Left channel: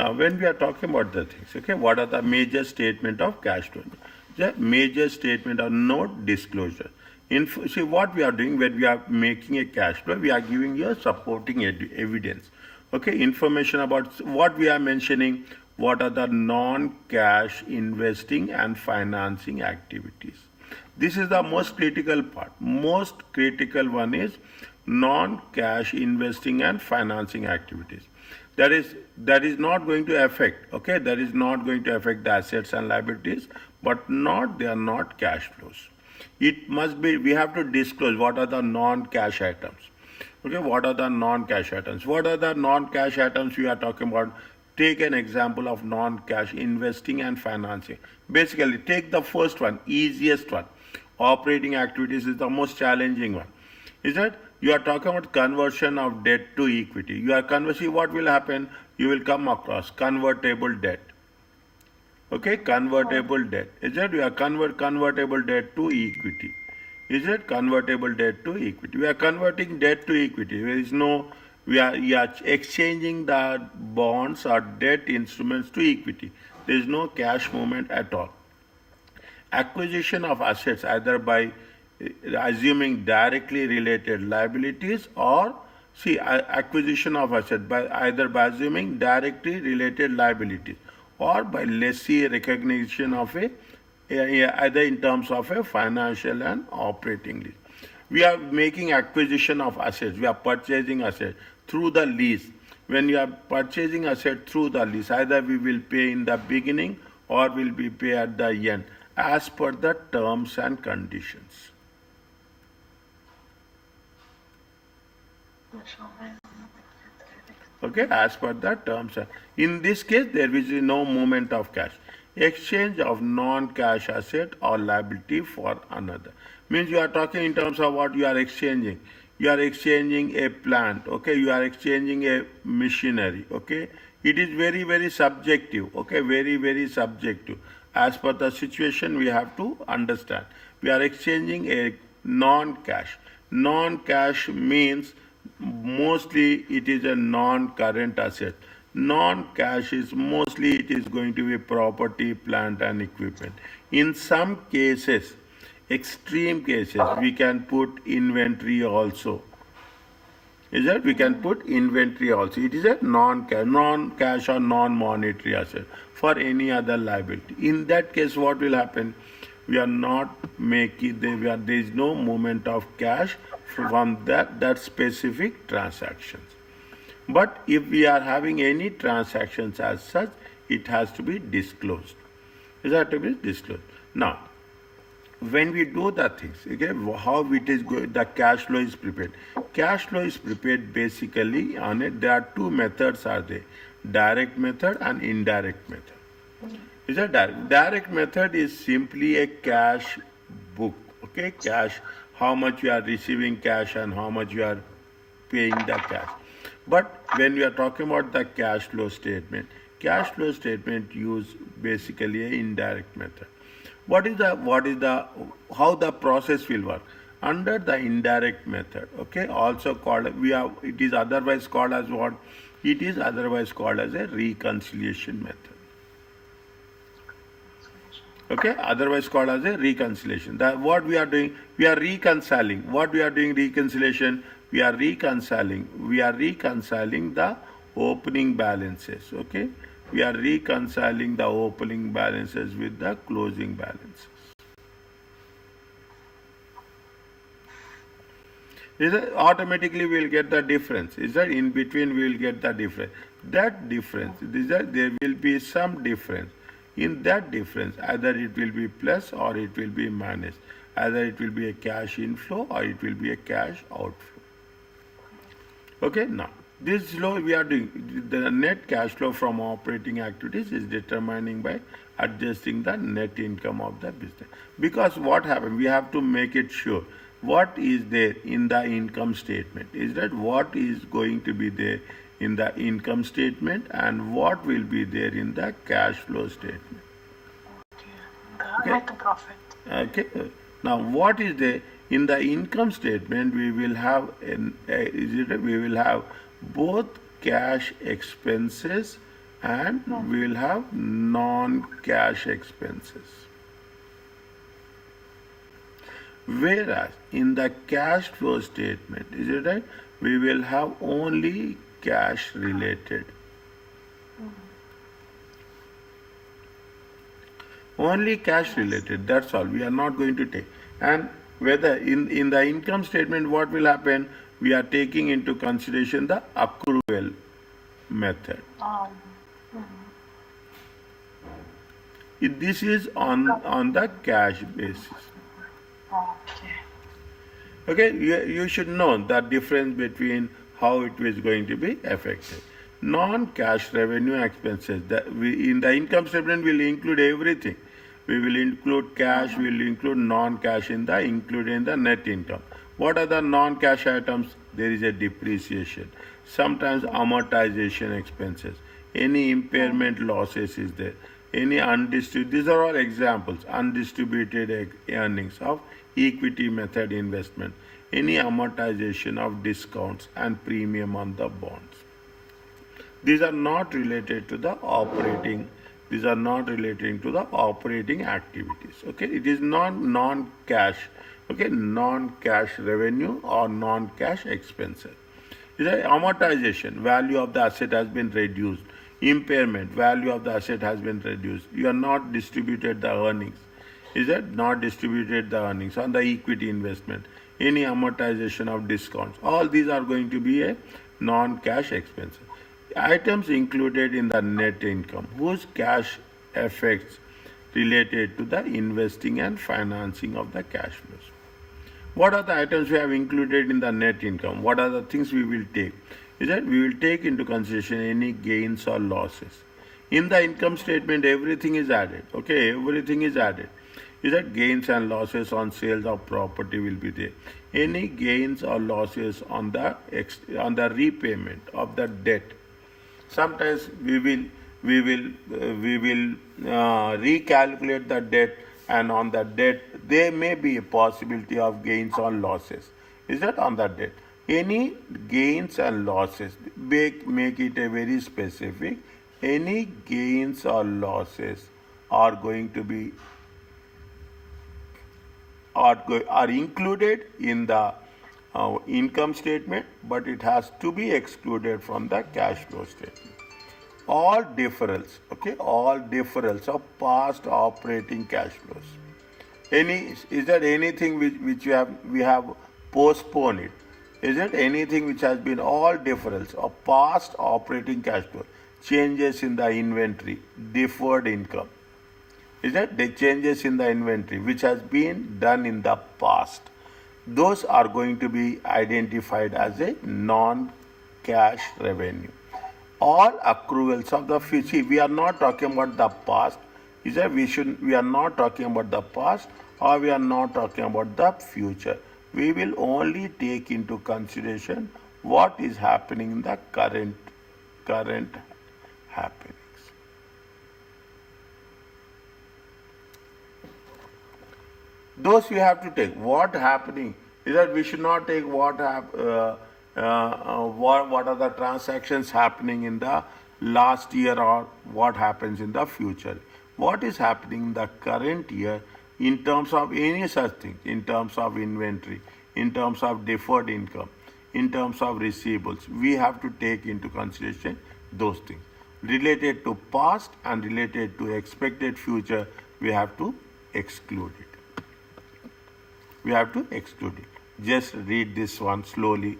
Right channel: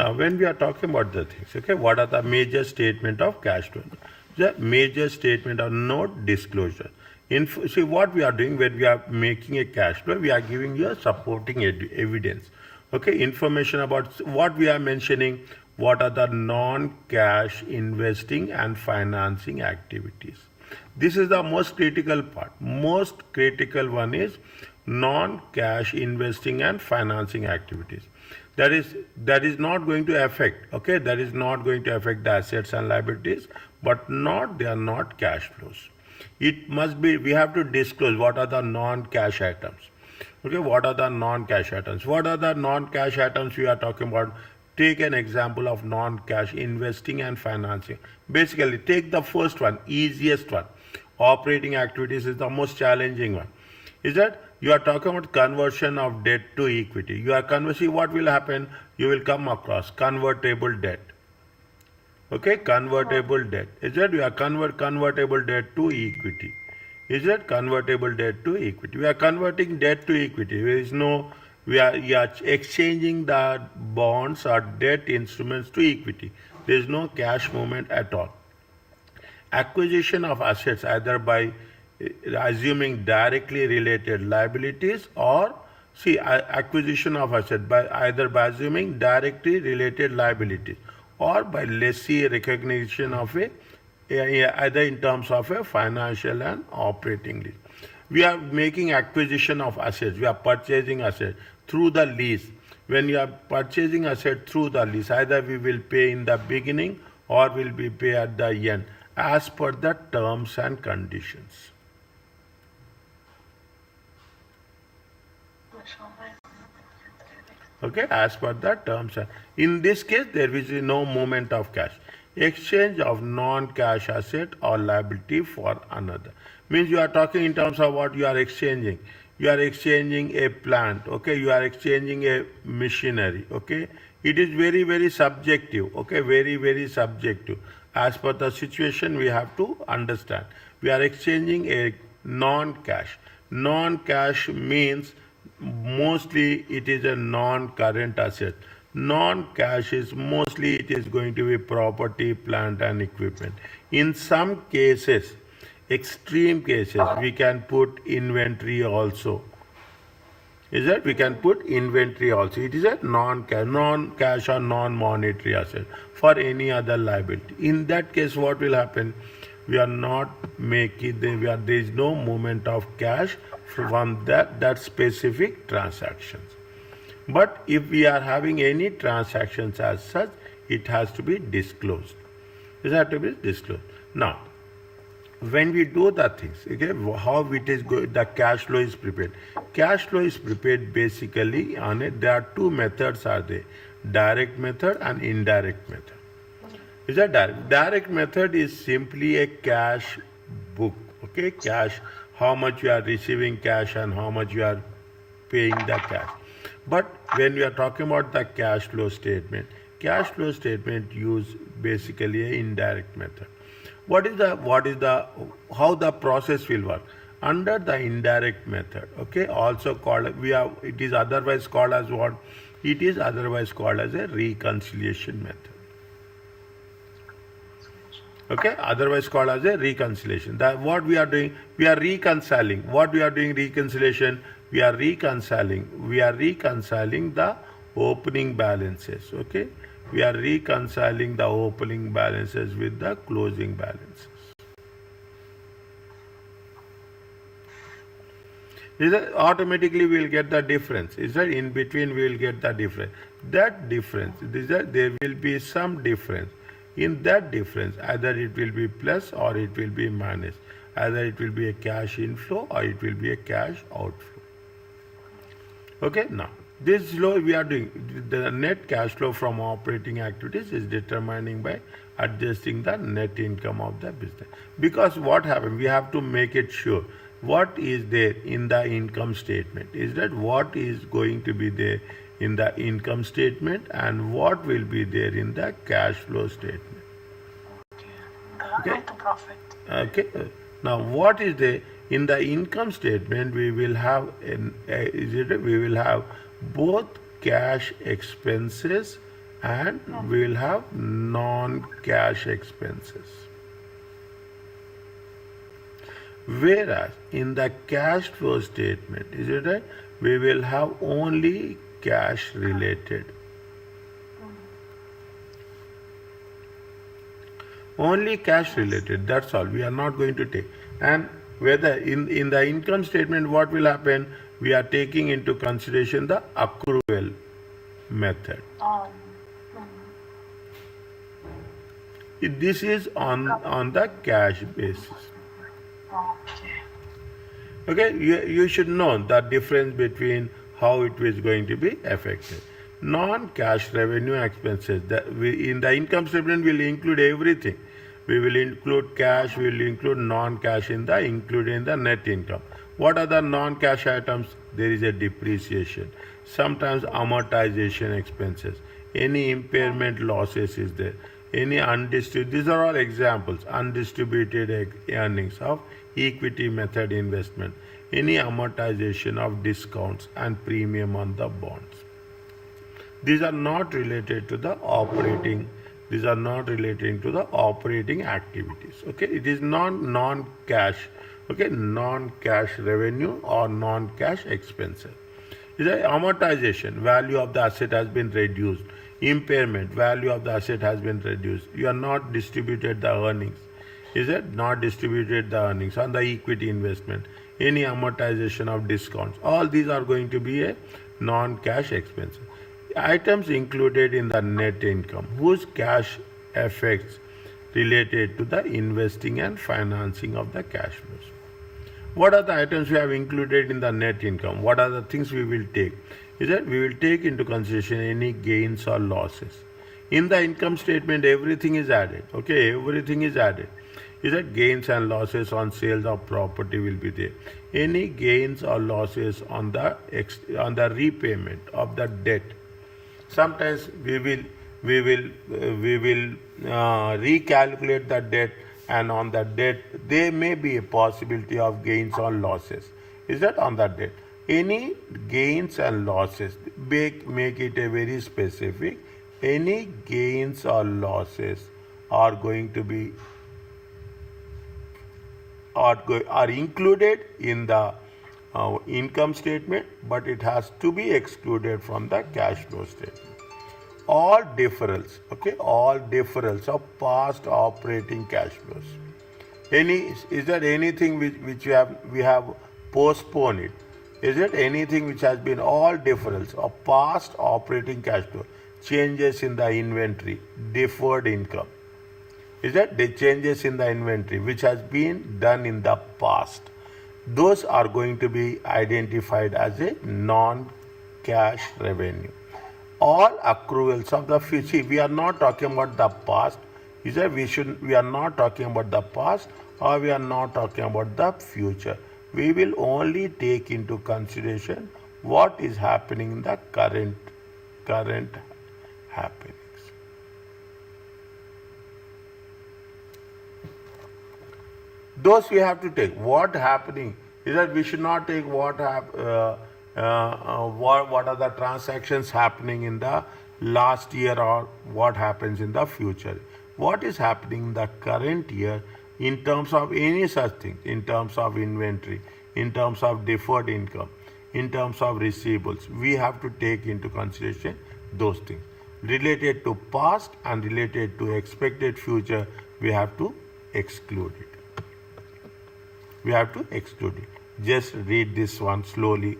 Now, when we are talking about the things, okay, what are the major statement of cash flow? The major statement of note disclosure. See what we are doing when we are making a cash flow, we are giving you a supporting evidence. Okay, information about what we are mentioning, what are the non-cash investing and financing activities. This is the most critical part. Most critical one is non-cash investing and financing activities. That is not going to affect, okay, that is not going to affect the assets and liabilities, but they are not cash flows. It must be, we have to disclose what are the non-cash items. Okay, what are the non-cash items? What are the non-cash items we are talking about? Take an example of non-cash investing and financing. Basically, take the first one, easiest one. Operating activities is the most challenging one. Is that you are talking about conversion of debt to equity. You are conversing, what will happen? You will come across convertible debt. Okay, convertible debt. Is that you are convertible debt to equity. Is it convertible debt to equity? We are converting debt to equity. There is no, we are exchanging the bonds or debt instruments to equity. There is no cash movement at all. Acquisition of assets either by assuming directly related liabilities or acquisition of assets by either by assuming directly related liabilities or by lessee recognition of either in terms of a financial and operating lease. We are making acquisition of assets. We are purchasing assets through the lease. When you are purchasing assets through the lease, either we will pay in the beginning or will be pay at the end as per the terms and conditions. Okay, as per the terms. In this case, there is no movement of cash. Exchange of non-cash asset or liability for another. Means you are talking in terms of what you are exchanging. You are exchanging a plant, okay? You are exchanging a machinery, okay? It is very, very subjective, okay? Very, very subjective. As per the situation, we have to understand. We are exchanging a non-cash. Non-cash means mostly it is a non-current asset. Non-cash is mostly it is going to be property, plant and equipment. In some cases, extreme cases, we can put inventory also. Is that we can put inventory also. It is a non-cash or non-monetary asset for any other liability. In that case, what will happen? We are not making, there is no movement of cash from that specific transactions. But if we are having any transactions as such, it has to be disclosed. It has to be disclosed. Now, when we do the things, okay, how it is the cash flow is prepared. Cash flow is prepared basically on it. There are two methods are there: direct method and indirect method. Is that direct? Direct method is simply a cash book. Okay, cash. How much you are receiving cash and how much you are paying the cash. But when we are talking about the cash flow statement use basically an indirect method. How the process will work? Under the indirect method, okay, also called, it is otherwise called as what? It is otherwise called as a reconciliation method. Okay, otherwise called as a reconciliation. That what we are doing, we are reconciling. What we are doing reconciliation, we are reconciling the opening balances. Okay, we are reconciling the opening balances with the closing balances. Is that automatically we will get the difference? Is that in between we will get the difference? That difference, there will be some difference. In that difference, either it will be plus or it will be minus. Either it will be a cash inflow or it will be a cash outflow. Okay, now this flow we are doing, the net cash flow from operating activities is determining by adjusting the net income of the business. Because what happened, we have to make it sure what is there in the income statement. Is that what is going to be there in the income statement and what will be there in the cash flow statement. Okay. Net profit. Okay. Now, what is there in the income statement? We will have we will have both cash expenses and we will have non-cash expenses. Whereas in the cash flow statement, is it right? We will have only cash related. Only cash related, that's all. We are not going to take. And whether in the income statement, what will happen? We are taking into consideration the accrual method. This is on the cash basis. Okay. Okay, you should know the difference between how it is going to be affected. Non-cash revenue expenses. In the income statement, will include everything. We will include cash, we will include non-cash included in the net income. What are the non-cash items? There is a depreciation. Sometimes amortization expenses. Any impairment losses is there. Any undistributed, these are all examples, undistributed earnings of equity method investment. Any amortization of discounts and premium on the bonds. These are not related to the operating. These are not relating to the operating activities. Okay, it is not non-cash. Okay, non-cash revenue or non-cash expenses. Is that amortization? Value of the asset has been reduced. Impairment, value of the asset has been reduced. You are not distributed the earnings. Is it not distributed the earnings on the equity investment? Any amortization of discounts. All these are going to be a non-cash expense. Items included in the net income whose cash effects related to the investing and financing of the cash flows. What are the items we have included in the net income? What are the things we will take? Is that we will take into consideration any gains or losses. In the income statement, everything is added. Okay, everything is added. Is that gains and losses on sales of property will be there. Any gains or losses on the repayment of the debt. Sometimes we will recalculate the debt, and on the debt there may be a possibility of gains or losses. Is that on the debt? Any gains and losses, make it a very specific. Any gains or losses are going to be are included in the income statement, but it has to be excluded from the cash flow statement. All deferrals, okay, all deferrals of past operating cash flows. Is there anything which we have postponed it? Is it anything which has been all deferrals of past operating cash flow? Changes in the inventory, deferred income. Is that the changes in the inventory which has been done in the past? Those are going to be identified as a non-cash revenue. All accruals of the future. We are not talking about the past. Is that we are not talking about the past, or we are not talking about the future. We will only take into consideration what is happening in the current happenings. Those we have to take. What happening is that we should not take what are the transactions happening in the last year or what happens in the future. What is happening in the current year in terms of any such thing, in terms of inventory, in terms of deferred income, in terms of receivables. We have to take into consideration those things. Related to past and related to expected future, we have to exclude it. We have to exclude it. Just read this one slowly.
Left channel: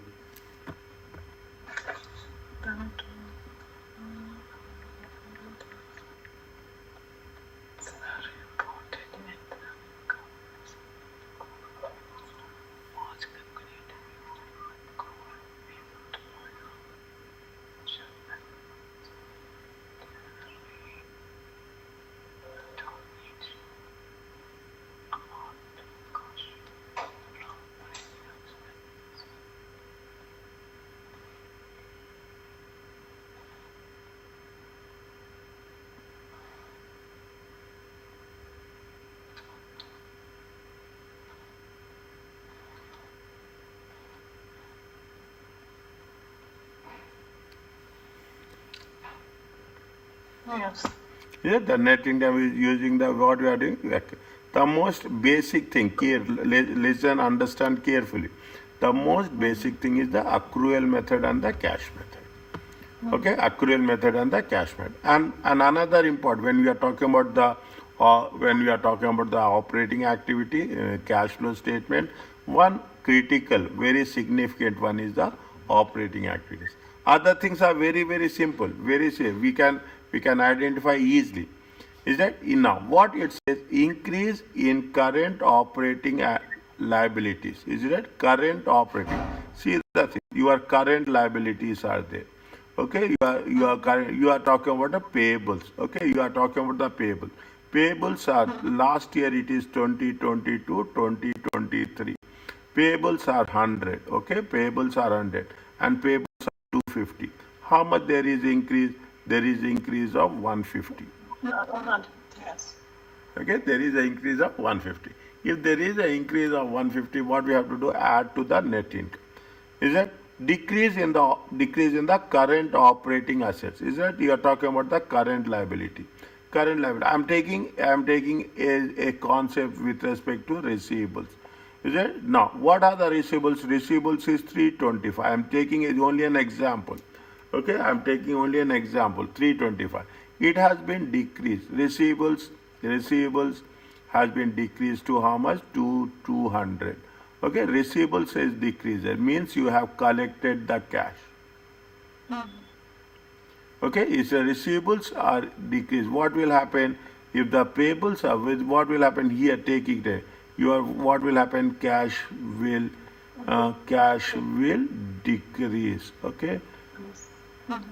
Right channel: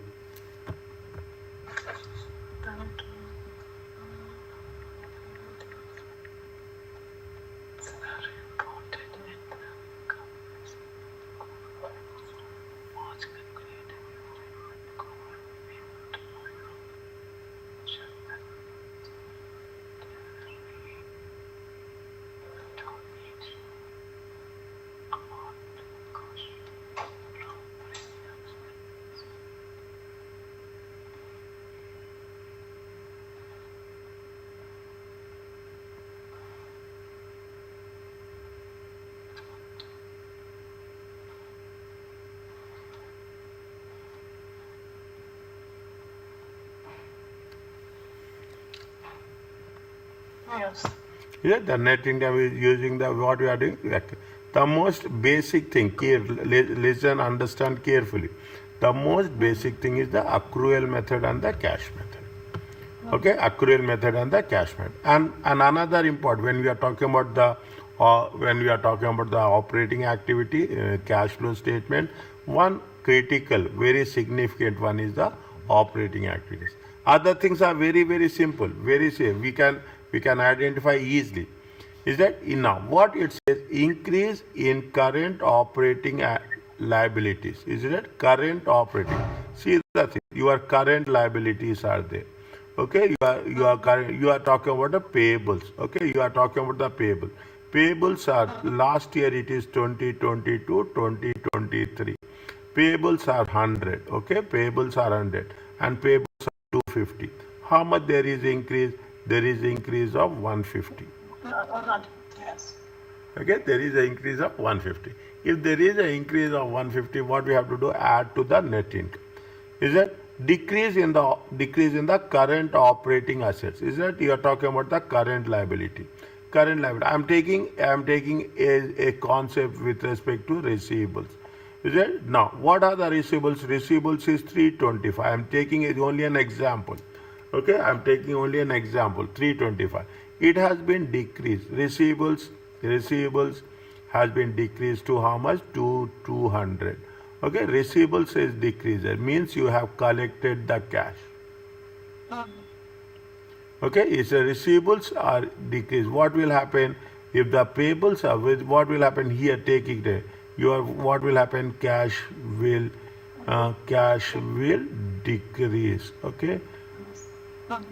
Yes. Yeah, the net income is using the what we are doing. The most basic thing, listen, understand carefully. The most basic thing is the accrual method and the cash method. Okay, accrual method and the cash method. And another important when we are talking about the operating activity, cash flow statement, one critical, very significant one is the operating activities. Other things are very very simple, very safe. We can identify easily. Is that now what it says? Increase in current operating liabilities. Is that current operating? See the thing. Your current liabilities are there. Okay, you are talking about the payables. Okay, you are talking about the payable. Payables are last year it is 2022, 2023. Payables are 100. Okay, payables are 100 and payables are 250. How much there is increase? There is increase of 150. No, 100. Yes. Okay, there is an increase of 150. If there is an increase of 150, what we have to do? Add to the net income. Is that decrease in the current operating assets? Is that you are talking about the current liability? Current liability. I am taking a concept with respect to receivables. Is it now? What are the receivables? Receivables is 325. I am taking only an example. Okay, I am taking only an example. 325. It has been decreased. Receivables has been decreased to how much? To 200. Okay, receivables is decreased. It means you have collected the cash. Okay, if the receivables are decreased, what will happen? If the payables are, what will happen here? Taking the what will happen? Cash will decrease. Okay,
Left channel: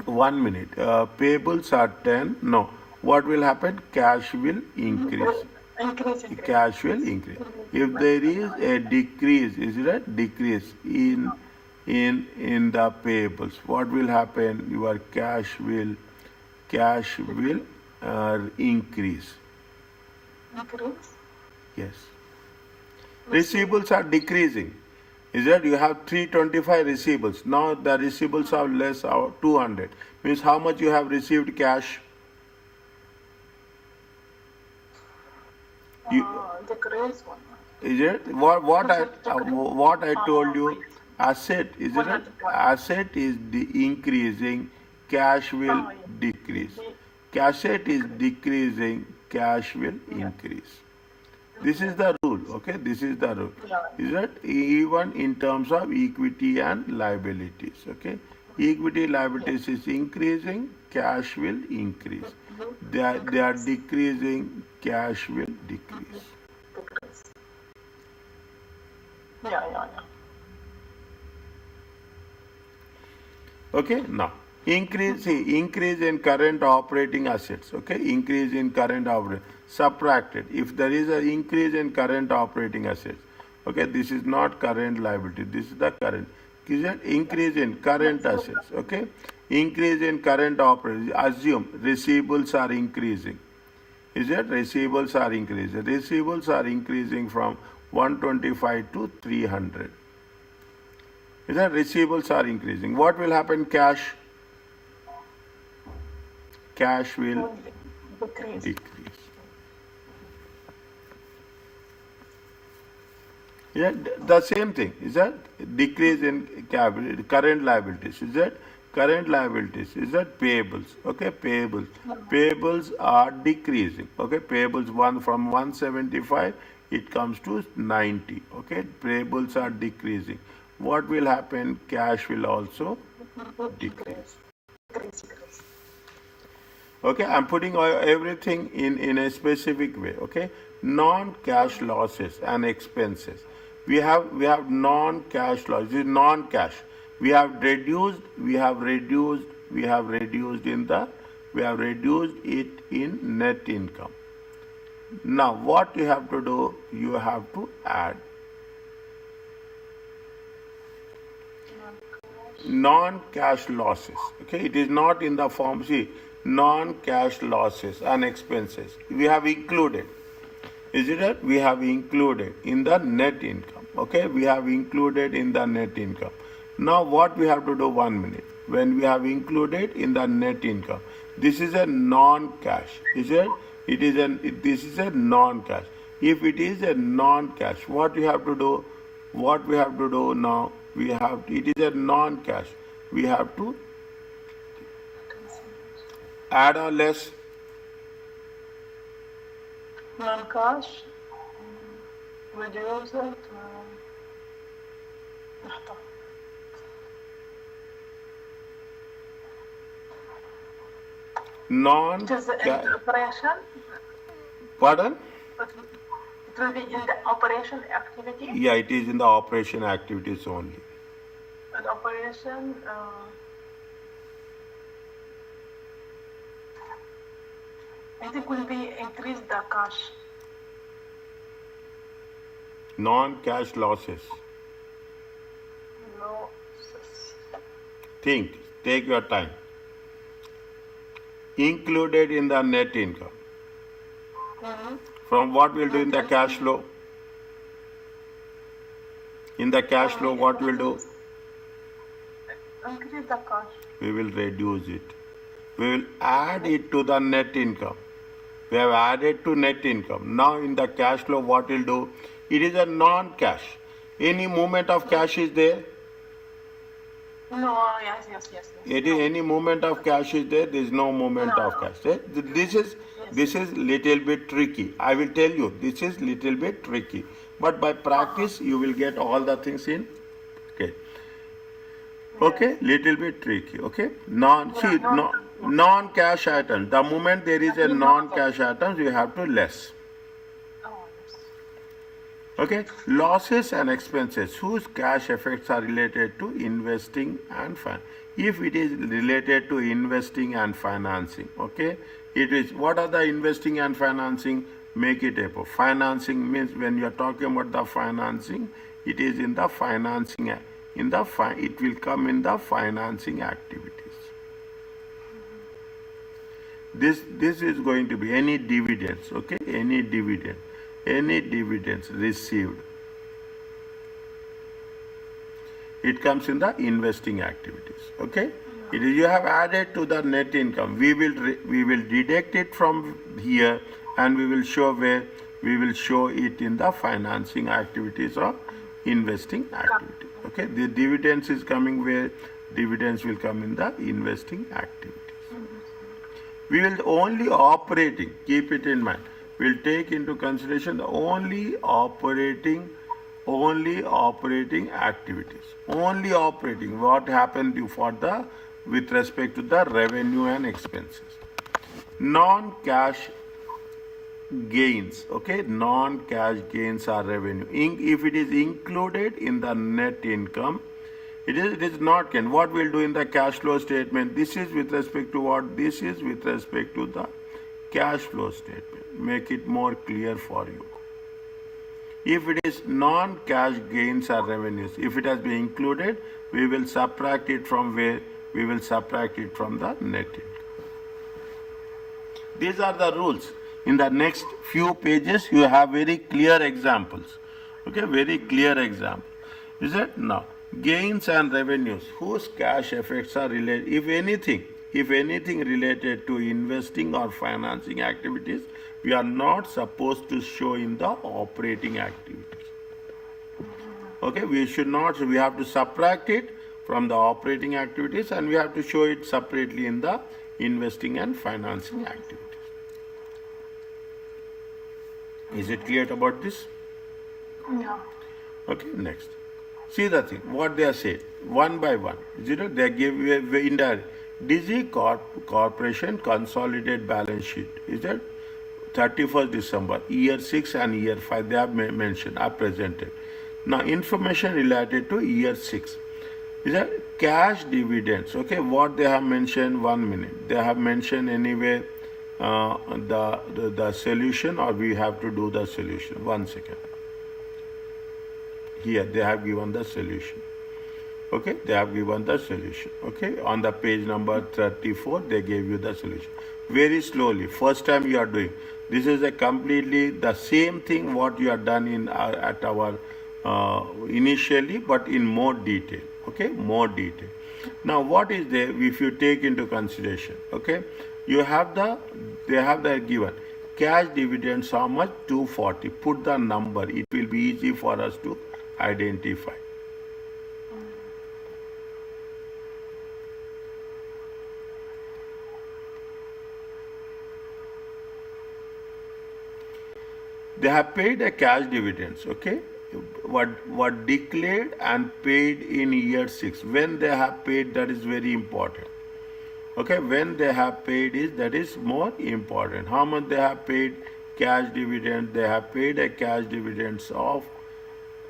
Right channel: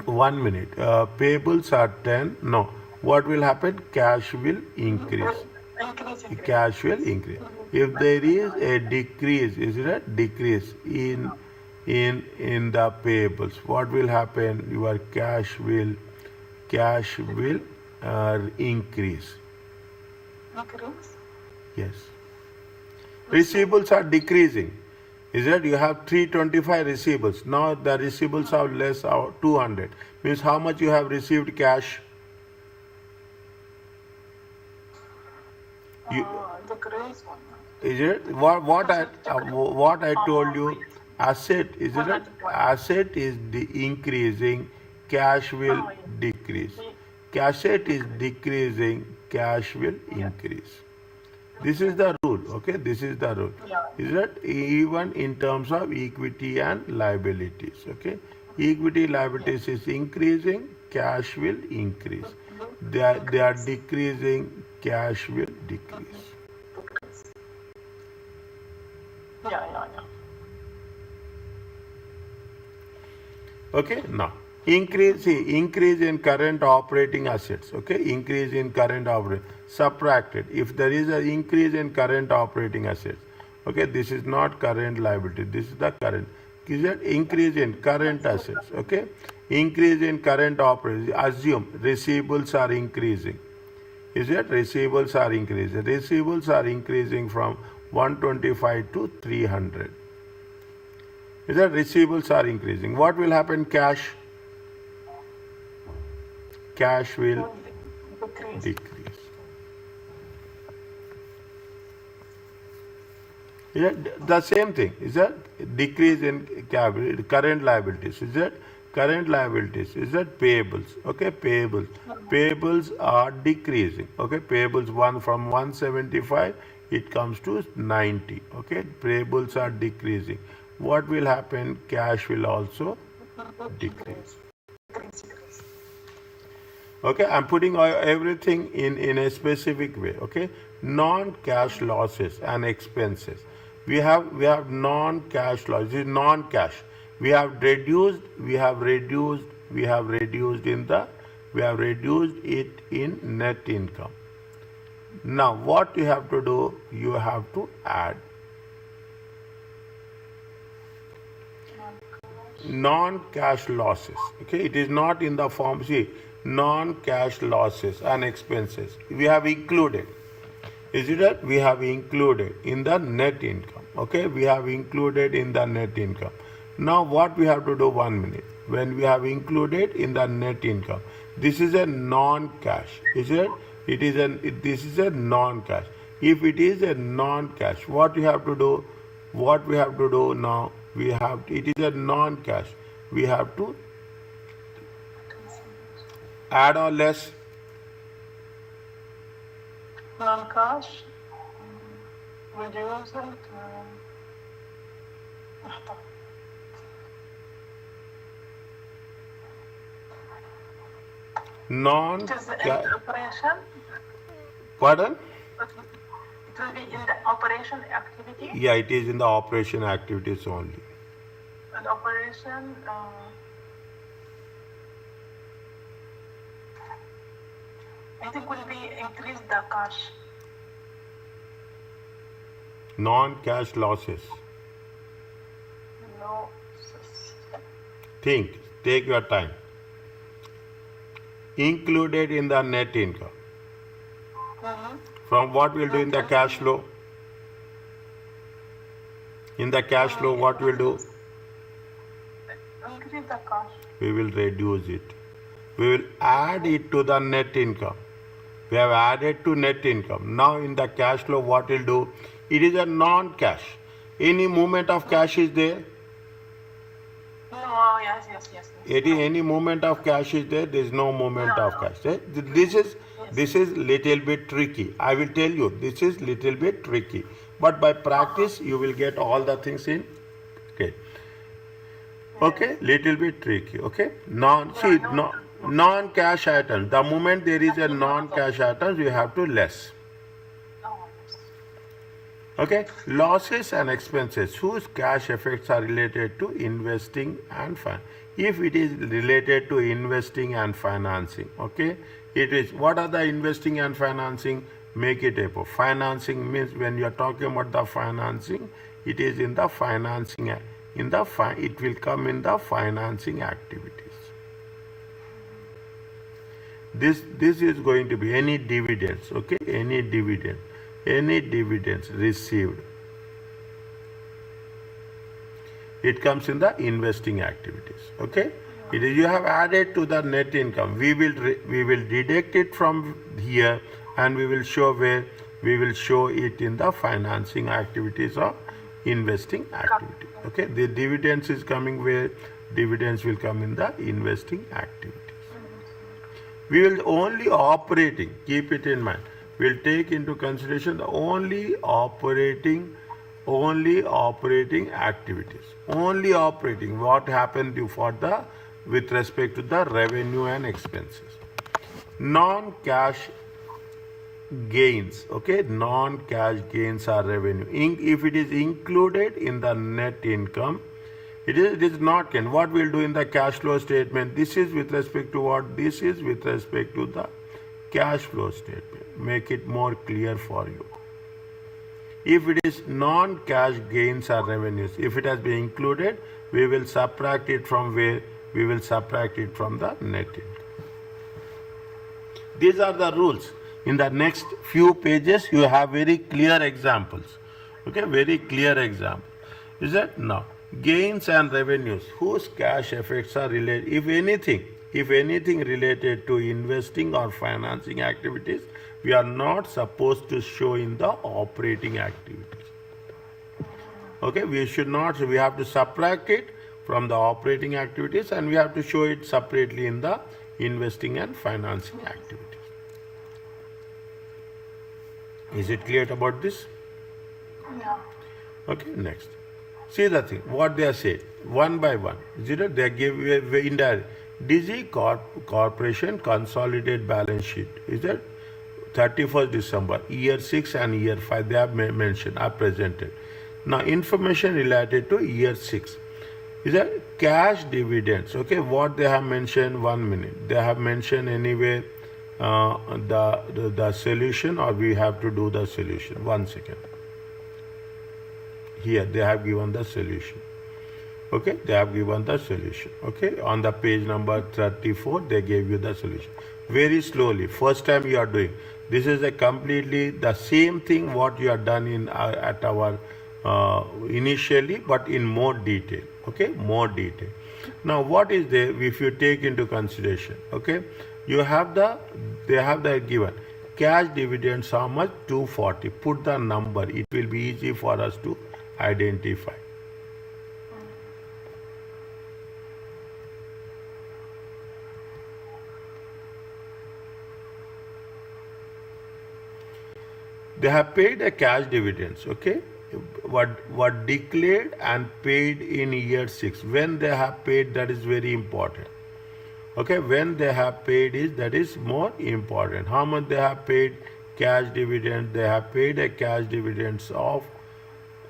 1 minute. Payables are 10. No, what will happen? Cash will increase. Increase. Cash will increase. If there is a decrease, is it a decrease in the payables? What will happen? Your cash will increase. Increase. Yes. Receivables are decreasing. Is that you have 325 receivables. Now the receivables are less, 200. Means how much you have received cash? Decrease one. Is it what I told you? Asset, is it? Asset is increasing, cash will decrease. Asset is decreasing, cash will increase. This is the rule. Okay, this is the rule. Is that even in terms of equity and liabilities? Okay, equity liabilities is increasing, cash will increase. They are decreasing, cash will decrease. Yeah. Okay, now increase in current operating assets. Okay, increase in current operating subtracted. If there is an increase in current operating assets, okay, this is not current liability. This is the current. Is that increase in current assets? Okay, increase in current operating. Assume receivables are increasing. Is it receivables are increasing? Receivables are increasing from 125 to 300. Is that receivables are increasing? What will happen? Cash will decrease. Is that the same thing? Is that decrease in current liabilities? Is that current liabilities? Is that payables? Okay, payables are decreasing. Okay, payables from 175 it comes to 90. Okay, payables are decreasing. What will happen? Cash will also decrease. Okay, I'm putting everything in a specific way. Okay, non-cash losses and expenses. We have non-cash losses. Non-cash. We have reduced it in net income. Now, what you have to do? You have to add non-cash losses. Okay, it is not in the form. See, non-cash losses and expenses we have included. Is it that we have included in the net income? Okay, we have included in the net income. Now what we have to do? 1 minute. When we have included in the net income, This is a non-cash. Is it? This is a non-cash. If it is a non-cash, what we have to do? What we have to do now? It is a non-cash. We have to add or less. Non-cash. Reduce it. لحظة. It is in Non-cash. the operation. Pardon? It will be in the operation activity. Yeah, it is in the operation activities only. But operation. I think will be increase the cash. Non-cash losses. Losses. Think. Take your time. Included in the net income. From what we'll do in the cash flow? In the cash flow, what we'll do? Increase the cash. We will reduce it. We will add it to the net income. We have added to net income. Now in the cash flow, what we'll do? It is a non-cash. Any movement of cash is there? No, yes. Any movement of cash is there? There is no movement of cash. This is little bit tricky. I will tell you, this is little bit tricky. But by practice, you will get all the things in. Okay. Okay, little bit tricky. Okay. Non-cash items. The moment there is a non-cash items, we have to less. Okay, losses and expenses whose cash effects are related to investing and finance. If it is related to investing and financing, okay, it is, what are the investing and financing? Make it a financing means when you are talking about the financing, it is in the financing, it will come in the financing activities. This is going to be any dividends, okay, any dividends received, it comes in the investing activities. Okay, it is, you have added to the net income. We will deduct it from here, and we will show where we will show it in the financing activities or investing activity. Okay, the dividends is coming where? Dividends will come in the investing activities. We will only operating. Keep it in mind. We'll take into consideration the only operating activities. Only operating. What happened with respect to the revenue and expenses. Non-cash gains. Okay, non-cash gains are revenue. If it is included in the net income, it is not gain. What we'll do in the cash flow statement? This is with respect to what? This is with respect to the cash flow statement. Make it more clear for you. If it is non-cash gains or revenues, if it has been included, we will subtract it from where? We will subtract it from the net income. These are the rules. In the next few pages, you have very clear examples. Okay, very clear example. Is that? Now, gains and revenues, whose cash effects are related, if anything related to investing or financing activities, we are not supposed to show in the operating activities. Okay, we should not, so we have to subtract it from the operating activities, and we have to show it separately in the investing and financing activities. Is it clear about this? Yeah. Okay, next. See the thing, what they are saying, one by one. They give indirect. DG Corporation consolidated balance sheet. Is that 31st December, year 6 and year 5, they have mentioned, are presented. Now, information related to year 6. Is that cash dividends? Okay, what they have mentioned, 1 minute. They have mentioned anyway the solution, or we have to do the solution. 1 second. Here, they have given the solution. Okay, they have given the solution. Okay, on the page number 34, they gave you the solution. Very slowly, first time you are doing. This is a completely the same thing what you have done in at our initially, but in more detail. Okay, more detail. Now, what is there if you take into consideration? Okay, You have they have the given. Cash dividends, how much? 240. Put the number. It will be easy for us to identify. They have paid a cash dividends, okay? What declared and paid in year 6. When they have paid, that is very important. Okay, when they have paid that is more important. How much they have paid cash dividend? They have paid a cash dividends of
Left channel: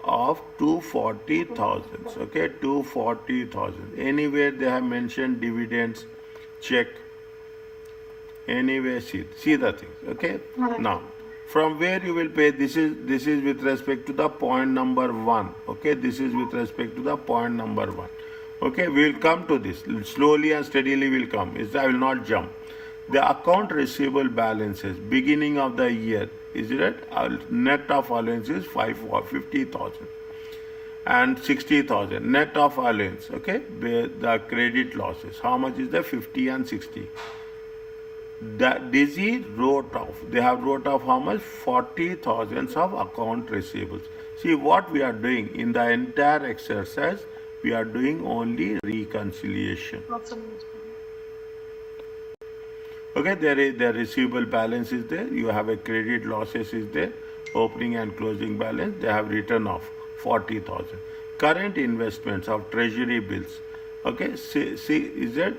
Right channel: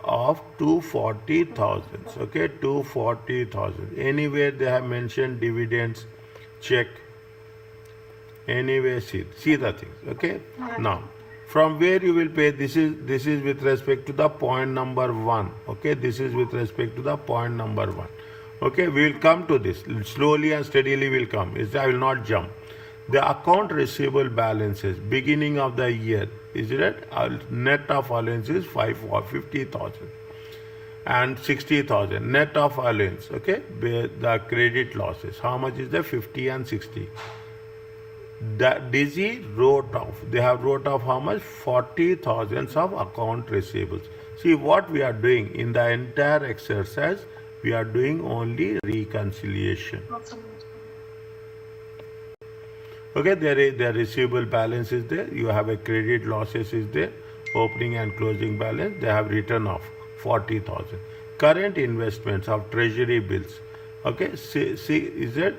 240,000. Okay, 240,000. Anywhere they have mentioned dividends, check. Anyway, see the things. Okay. Now, from where you will pay, this is with respect to the point number 1. Okay, this is with respect to the point number 1. Okay, we will come to this slowly and steadily. Will come. I will not jump. The account receivable balances beginning of the year is it? Net of allowance is 50,000 and 60,000. Net of allowance. Okay, the credit losses. How much is the 50 and 60? Dizzy wrote off. They have wrote off how much? 40,000 of account receivables. See what we are doing in the entire exercise. We are doing only reconciliation. Okay, the receivable balance is there. You have a credit losses is there. Opening and closing balance. They have written off 40,000. Current investments of treasury bills. Okay, see is that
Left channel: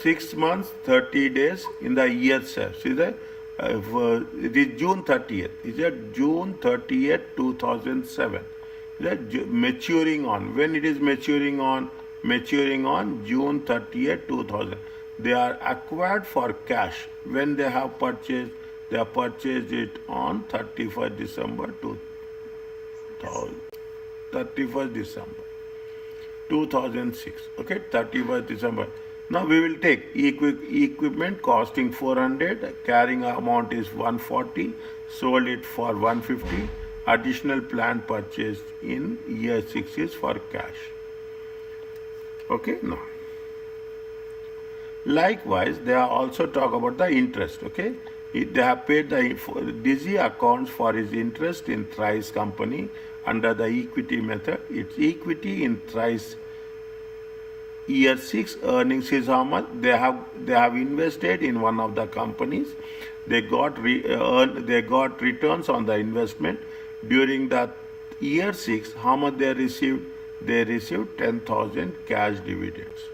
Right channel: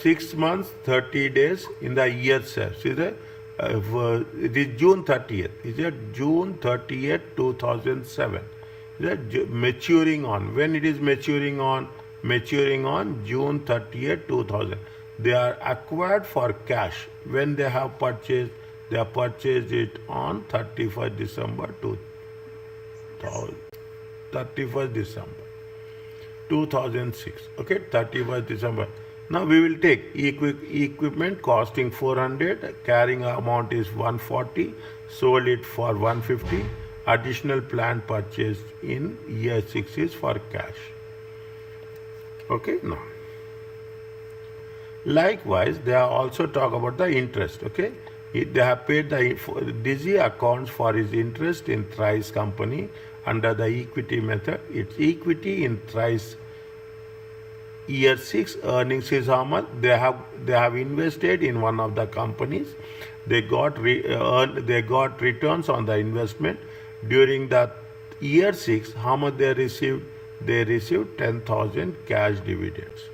6 months, 30 days in the year itself. See that? It is June 30th. Is it June 30th, 2007? Is that maturing on? When it is maturing on? Maturing on June 30th, 2000. They are acquired for cash. When they have purchased, they have purchased it on 31st December 2000. 31st December 2006. Okay, 31st December. Now we will take equipment costing 400, carrying amount is 140, sold it for 150, additional plant purchased in year 6 is for cash. Okay, now. Likewise, they are also talk about the interest, okay. They have paid the Dizzy accounts for his interest in Thrice company under the equity method. Its equity in Thrice year 6 earnings is how much? They have invested in one of the companies. They got returns on the investment. During the year 6, how much they received? They received 10,000 cash dividends.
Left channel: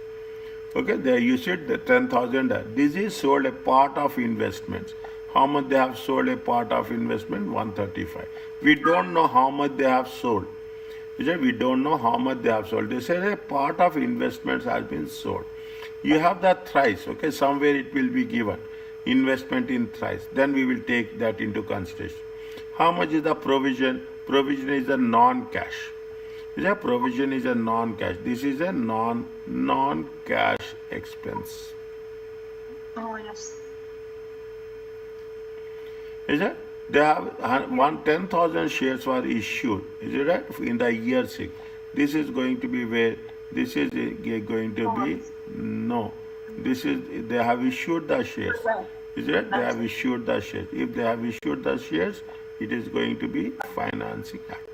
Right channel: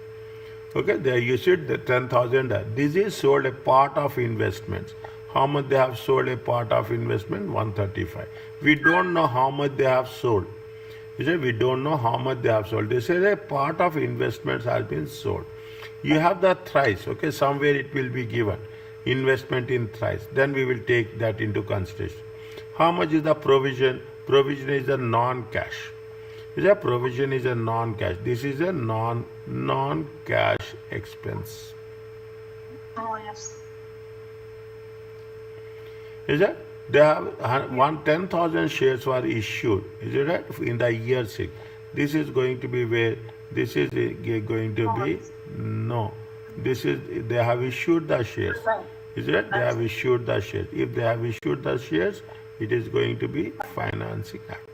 Okay, they issued the 10,000. This is sold a part of investments. How much they have sold a part of investment? 135. We don't know how much they have sold. We don't know how much they have sold. They say a part of investments has been sold. You have the Thrice, okay, somewhere it will be given. Investment in Thrice. Then we will take that into consideration. How much is the provision? Provision is a non-cash. Provision is a non-cash. This is a non-cash expense. Oh, yes. Is that? They have 10,000 shares were issued. Is it right? In the year 6. This is going to be where? This is going to be? No. This is, they have issued the shares. Is it? They have issued the shares. If they have issued the shares, it is going to be financing activities.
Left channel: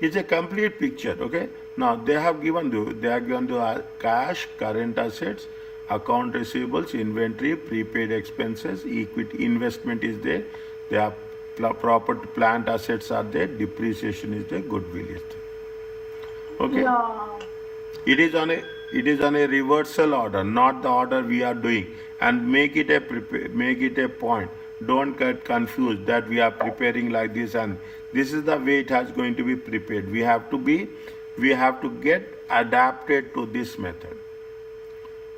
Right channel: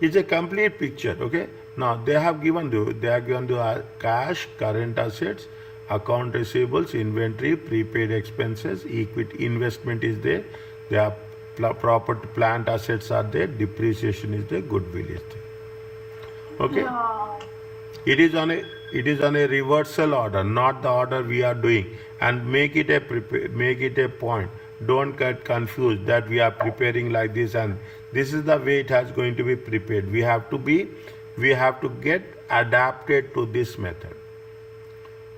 It's a complete picture, okay? Now, they have given the cash, current assets, account receivables, inventory, prepaid expenses, equity, investment is there. They have property, plant assets are there, depreciation is there, goodwill is there. Okay? Yeah. It is on a reversal order, not the order we are doing. And make it a point. Don't get confused that we are preparing like this and this is the way it has going to be prepared. We have to get adapted to this method.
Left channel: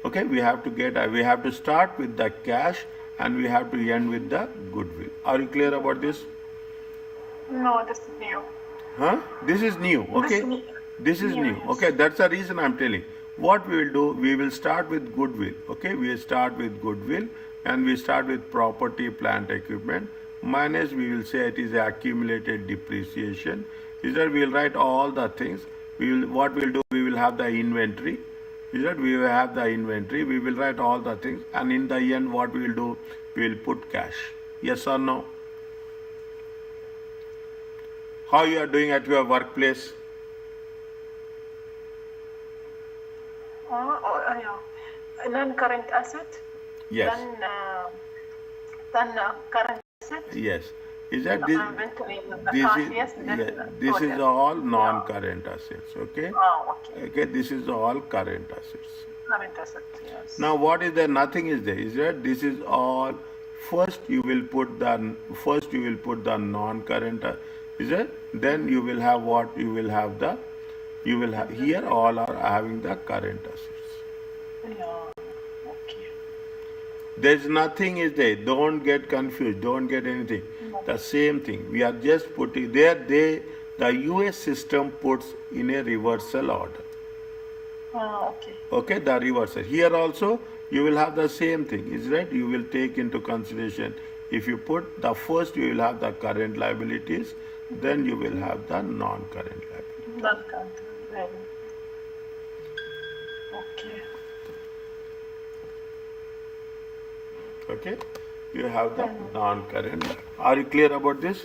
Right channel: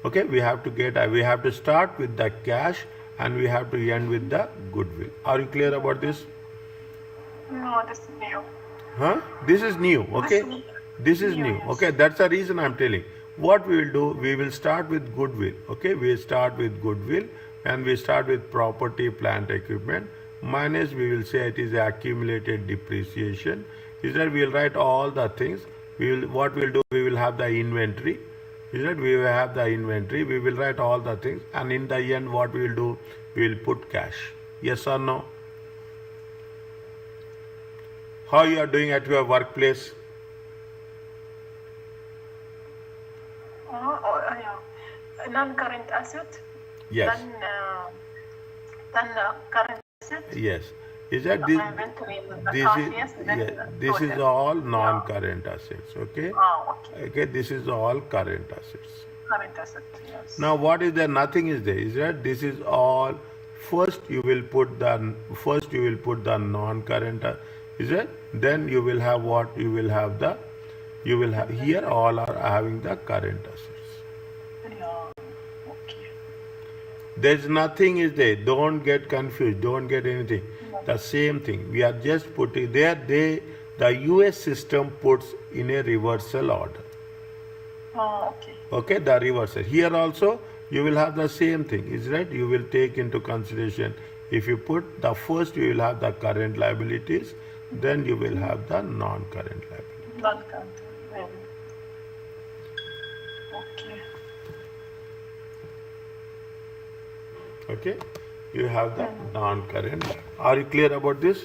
Okay, we have to start with the cash and we have to end with the goodwill. Are you clear about this? No, this is new. Huh? This is new, okay? This is new. Okay, that's the reason I'm telling. What we will do, we will start with goodwill. Okay, we start with goodwill and we start with property, plant, equipment. Minus, we will say it is accumulated depreciation. Is that we will write all the things. What we'll do, we will have the inventory. Is that we will have the inventory, we will write all the things, and in the end what we will do, we will put cash. Yes or no? How you are doing at your workplace? Yeah. Non-current asset. Yes. Then current asset. Yes. Is that this? Inventory, the This cash, is yes. Then yeah, this is total. all non-current assets. Okay. Okay. Okay. This is all current assets. Current asset, yes. Now what is there? Nothing is there. Is that this is all? First you will put the non-current. Is it? Then you will have what? You will have here all are having the current assets. Yeah. Okay. There's nothing is there. Don't get confused. Don't get anything. The same thing. We are just putting there. The US system puts in a reversal order. Okay. Okay, the reversal. Here also you will have the same thing. Is right? You will take into consideration. If you put the first, you will have the current liabilities. Then you will have the non-current liabilities. Non-current. Okay. Okay, you have the non-current. Are you clear about this?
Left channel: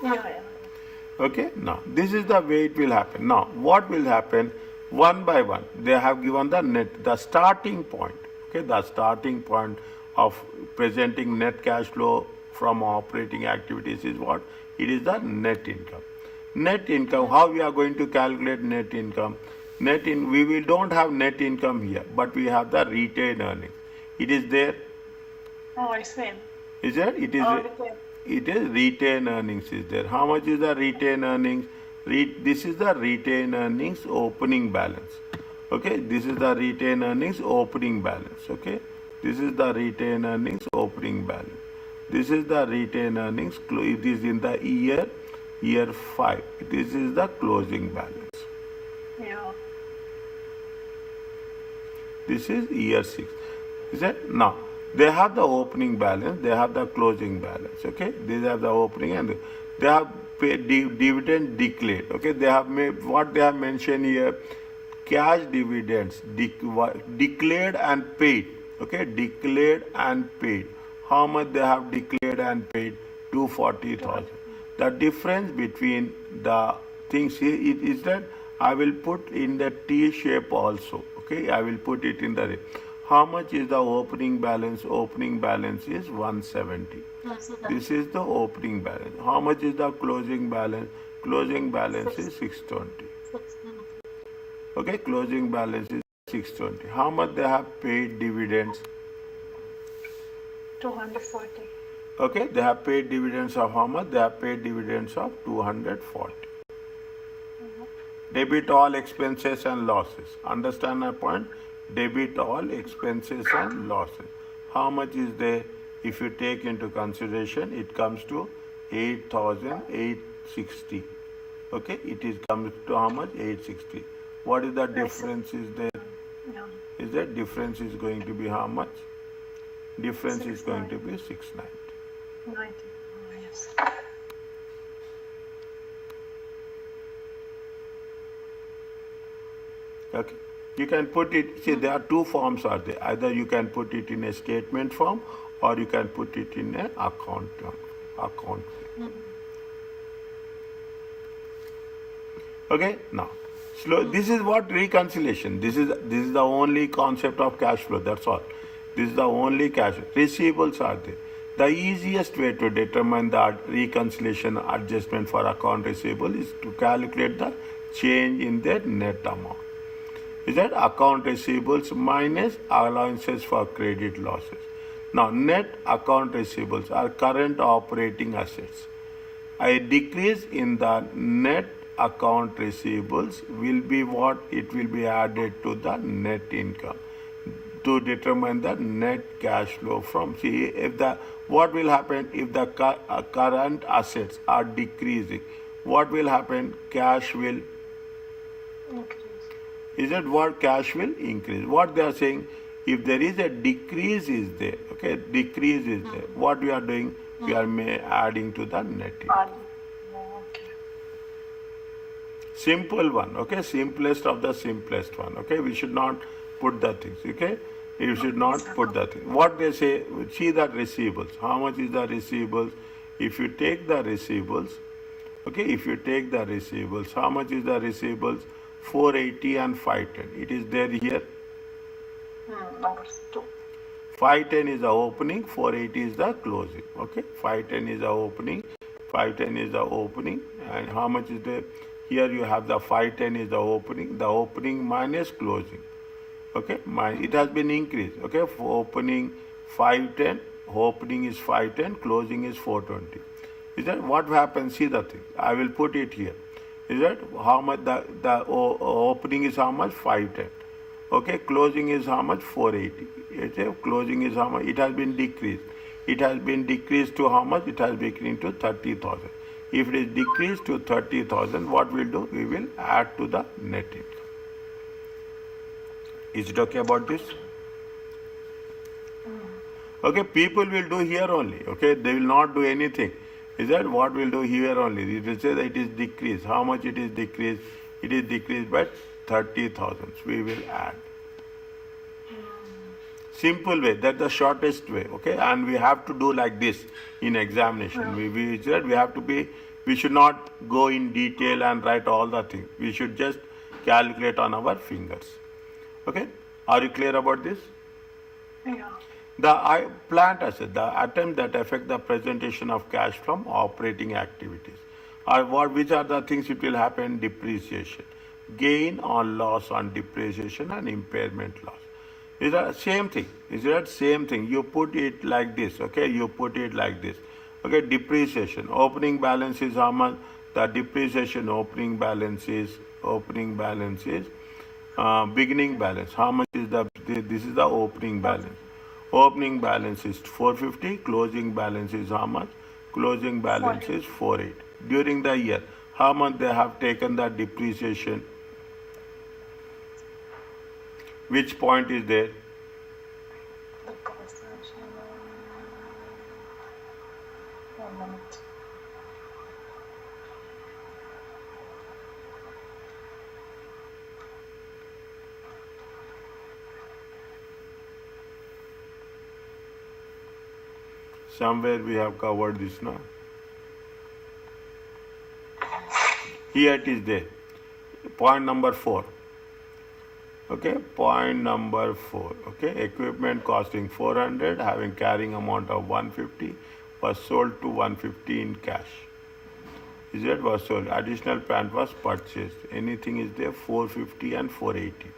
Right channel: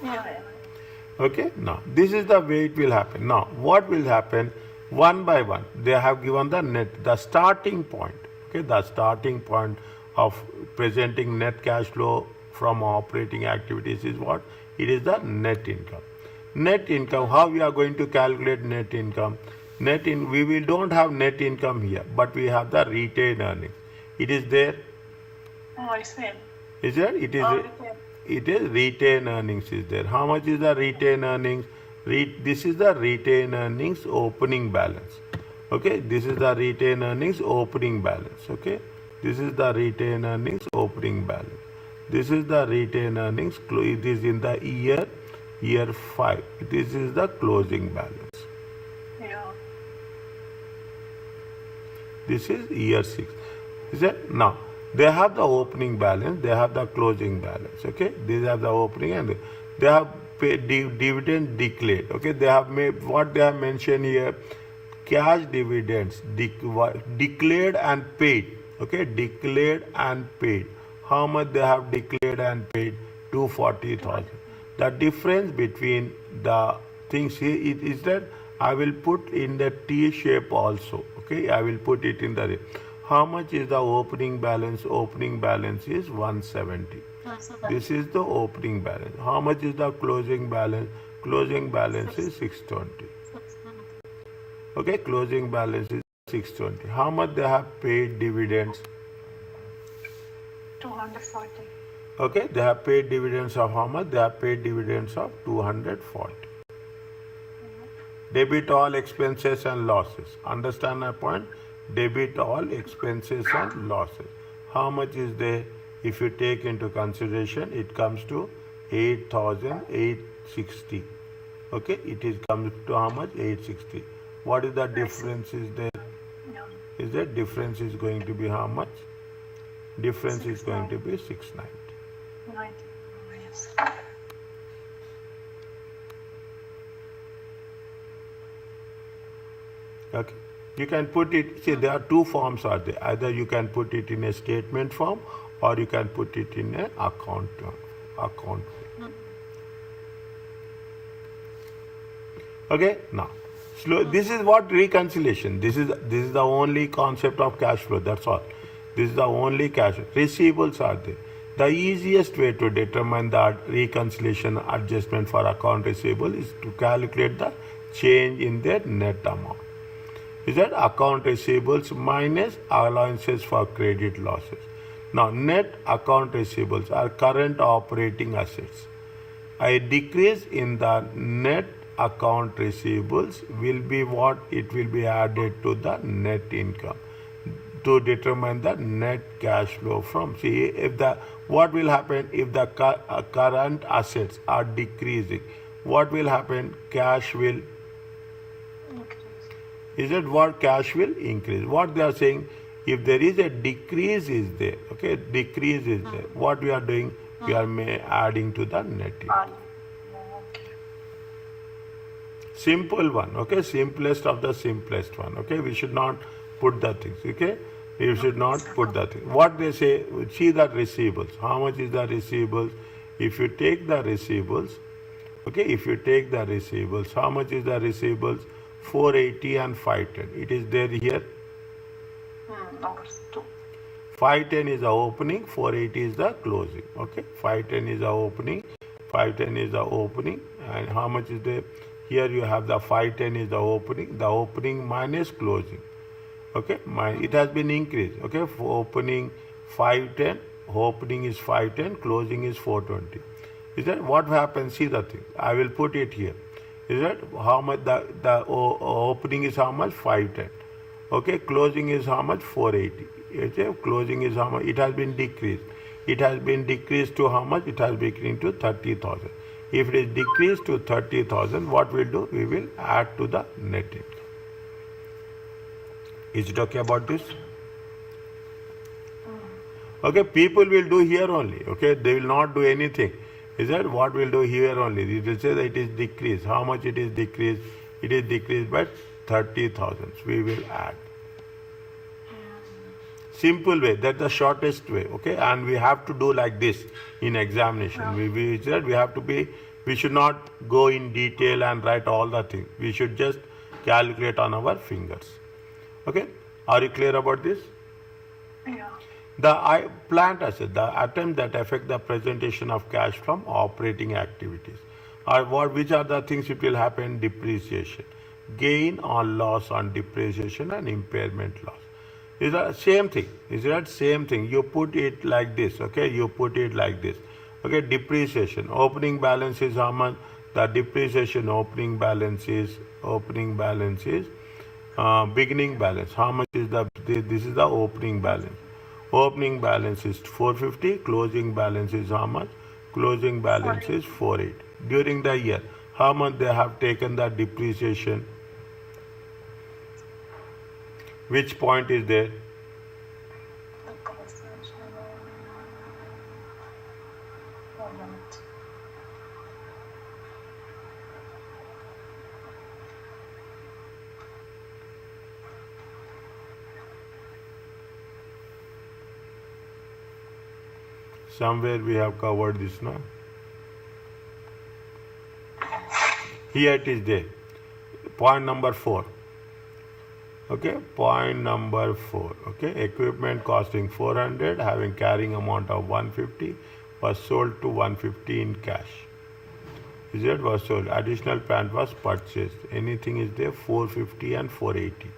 Yeah. Okay, now this is the way it will happen. Now what will happen? One by one, they have given the starting point. Okay, the starting point of presenting net cash flow from operating activities is what? It is the net income. Net income, how we are going to calculate net income? We don't have net income here, but we have the retained earnings. It is there. Oh, I see. Is there? It is retained earnings is there. How much is the retained earnings? This is the retained earnings opening balance. Okay, this is the retained earnings opening balance. Okay, this is the retained earnings opening balance. This is the retained earnings. It is in the year 5. This is the closing balance. Yeah. This is year 6. Is it? Now they have the opening balance. They have the closing balance. Okay, these are the opening and they have paid dividend declared. Okay, they have made what they have mentioned here. Cash dividends declared and paid. Okay, declared and paid. How much they have declared and paid? 240,000. The difference between the things here is that I will put in the T shape also. Okay, I will put it in the. How much is the opening balance? Opening balance is 170. This is the opening balance. How much is the closing balance? Closing balance is 620. Okay, closing balance is 620. How much they have paid dividends? 240. Okay, they have paid dividends of how much? They have paid dividends of 240. Debit all expenses and losses. Understand my point? Debit all expenses and losses. How much is there? If you take into consideration, it comes to 8,860. Okay, it is comes to how much? 860. What is the difference is there? Is that difference is going to be how much? Difference is going to be 690. 90. Yes. Okay. You can put it, see there are two forms are there. Either you can put it in a statement form or you can put it in an account. Okay, now this is what reconciliation. This is the only concept of cash flow. That's all. This is the only cash. Receivables are there. The easiest way to determine the reconciliation adjustment for account receivable is to calculate the change in their net amount. Is that account receivables minus allowances for credit losses. Now, net account receivables are current operating assets. A decrease in the net account receivables will be what? It will be added to the net income to determine the net cash flow from. See, what will happen if the current assets are decreasing? What will happen? Cash will Increase. Is that what cash will increase? What they are saying, if there is a decrease is there, okay, decrease is there. What we are doing, we are adding to the net income. Simple one, okay? Simplest of the simplest one, okay? We should not put the things, okay? You should not put the thing. What they say, see the receivables. How much is the receivables? If you take the receivables, okay, if you take the receivables, how much is the receivables? 480 and 510. It is there here. Numbers 2. 510 is the opening, 480 is the closing. Okay, 510 is the opening, 510 is the opening, and how much is there? Here you have the 510 is the opening minus closing. Okay, it has been increased. Okay, for opening 510, opening is 510, closing is 420. Is that what happens? See the thing. I will put it here. Is that how much the opening is how much? 510. Okay, closing is how much? 480. Okay, closing is how much? It has been decreased. It has been decreased to how much? It has been decreased to 30,000. If it is decreased to 30,000, what we'll do? We will add to the net income. Is it okay about this? Okay, people will do here only. Okay, they will not do anything. Is that what we'll do here only? It will say that it is decreased. How much it is decreased? It is decreased by 30,000. We will add. Simple way. That's the shortest way. Okay, and we have to do like this in examination. We have to be. We should not go in detail and write all the things. We should just calculate on our fingers. Okay, are you clear about this? Yeah. The plant asset, the items that affect the presentation of cash from operating activities, which are the things it will happen? Depreciation, gain or loss on depreciation and impairment loss. Is that same thing? Is that same thing? You put it like this, okay? You put it like this, okay? Depreciation, opening balance is how much? The depreciation opening balance is beginning balance. How much is this is the opening balance. Opening balance is 450, closing balance is how much? Closing balance is 480. During the year, how much they have taken the depreciation? Which point is there? The compensation. 1 minute. Somewhere we have covered this now. Here it is there. Point number 4. Okay, point number 4. Okay, equipment costing 400, having carrying amount of 150, was sold to 150 in cash. Is it was sold? Additional plant was purchased. Anything is there? 450 and 480.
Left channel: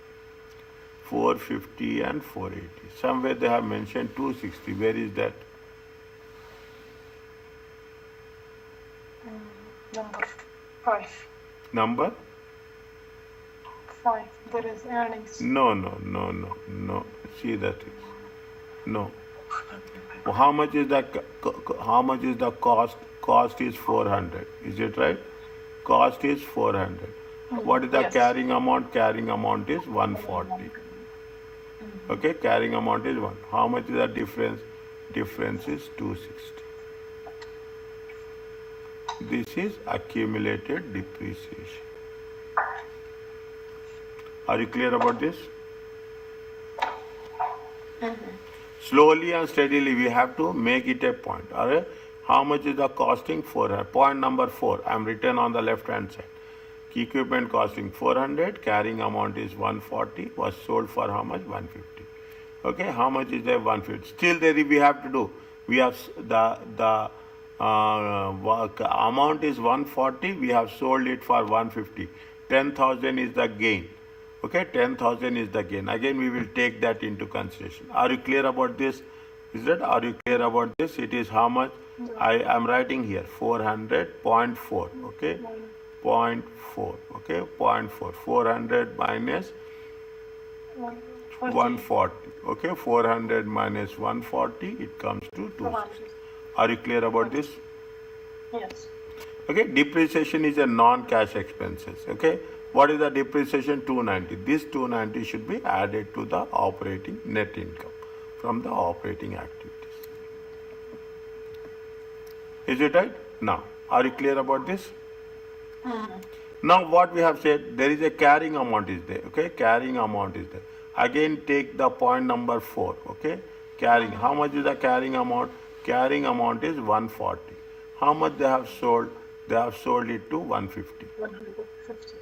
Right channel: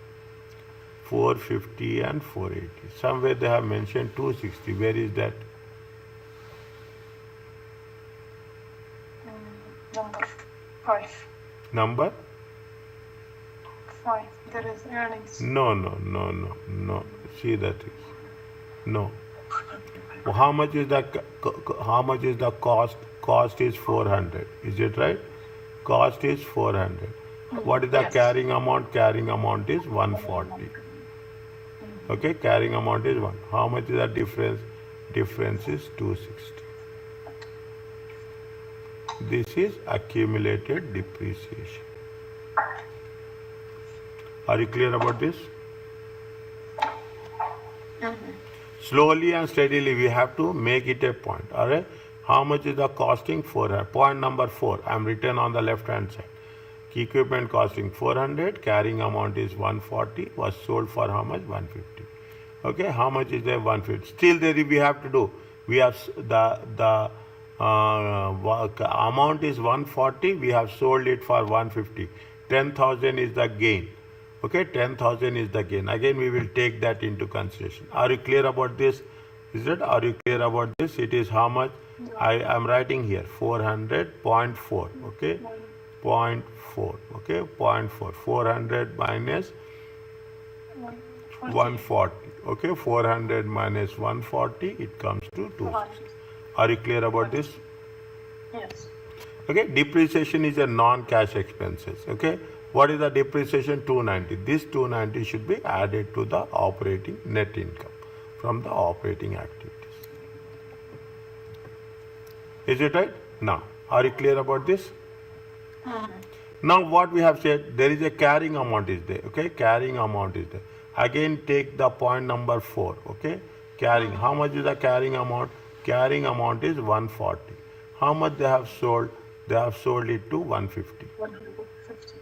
450 and 480. Somewhere they have mentioned 260. Where is that? Number 5. Number? 5. There is earnings. No. See that is. No. How much is the cost? Cost is 400. Is it right? Cost is 400. What is the Yes. carrying amount? Carrying amount is 140. Okay, carrying amount is 1. How much is the difference? Difference is 260. This is accumulated depreciation. Are you clear about this? Slowly and steadily we have to make it a point. Alright? How much is the costing? 400. Point number 4. I am written on the left hand side. Equipment costing 400. Carrying amount is 140. Was sold for how much? 150. Okay. How much is there? 150. Still there we have to do. We have the amount is 140. We have sold it for 150. 10,000 is the gain. Okay, 10,000 is the gain. Again, we will take that into consideration. Are you clear about this? Is it? Are you clear about this? It is how much? I am writing here 400.4. Okay, 0.4. Okay, 0.4. 400 minus 140. Okay, 400 minus 140. It comes to 2. Are you clear about this? Yes. Okay, depreciation is a non-cash expenses. Okay. What is the depreciation? 290. This 290 should be added to the operating net income from the operating activities. Is it right? Now, are you clear about this? Now what we have said, there is a carrying amount is there, okay? Carrying amount is there. Again take the point number 4, okay? Carrying, how much is the carrying amount? Carrying amount is 140. How much they have sold? They have sold it to 150. 150.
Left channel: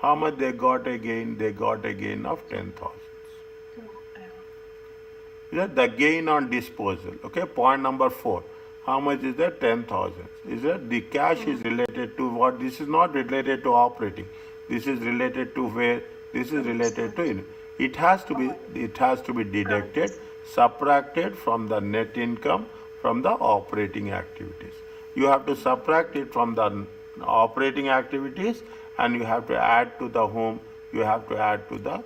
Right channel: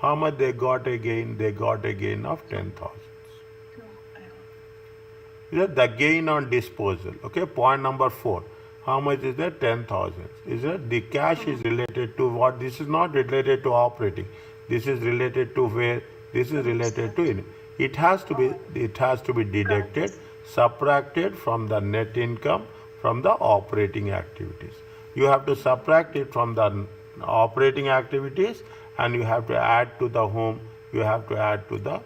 How much they got a gain? They got a gain of 10,000. The gain on disposal, okay? Point number 4. How much is that? 10,000. Is that the cash is related to what? This is not related to operating. This is related to where? This is related to it has to be deducted, subtracted from the net income from the operating activities. You have to subtract it from the operating activities and you have to add to the whom? You have to add to the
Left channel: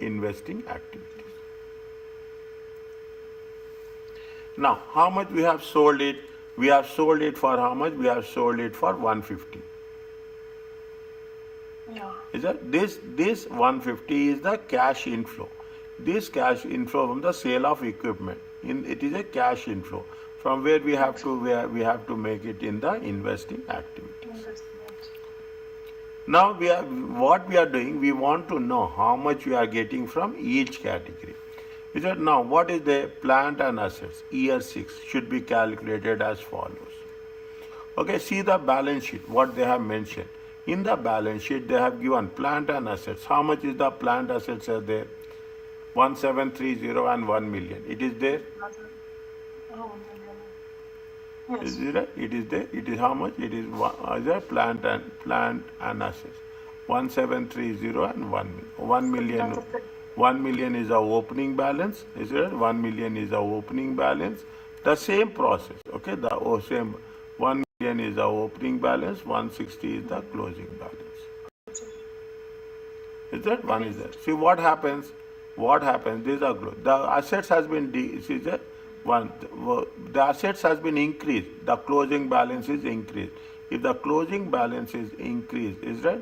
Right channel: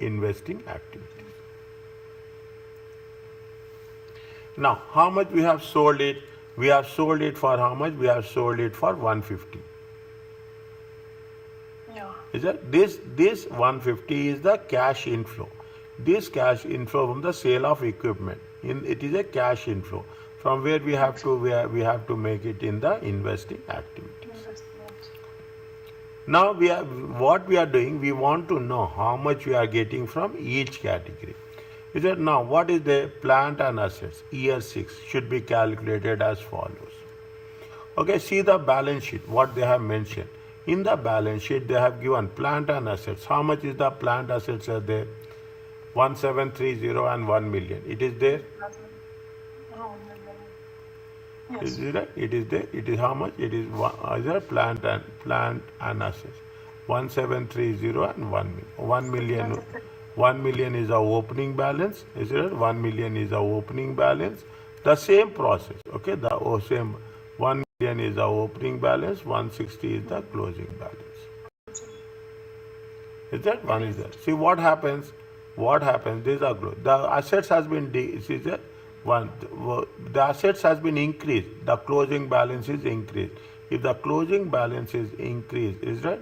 investing activities. Now, how much we have sold it? We have sold it for how much? We have sold it for 150. Yeah. Is that this 150 is the cash inflow. This cash inflow from the sale of equipment. It is a cash inflow from where we have to make it in the investing activities. Now what we are doing, we want to know how much we are getting from each category. Is that now what is the plant and assets? Year 6 should be calculated as follows. Okay, see the balance sheet, what they have mentioned. In the balance sheet, they have given plant and assets. How much is the plant assets are there? 1730 and 1 million. It is there? Yes. Is it? It is there. It is how much? It is plant and assets. 1730 and 1 million. 1 million. 1 million is the opening balance. Is it? 1 million is the opening balance. The same process. Okay. The same. 1 million is the opening balance. 160 is the closing balance. Is that one is there? See what happens? What happens? These are closed. The assets has been the assets has been increased. The closing balance is increased. If the closing balance is increased, is that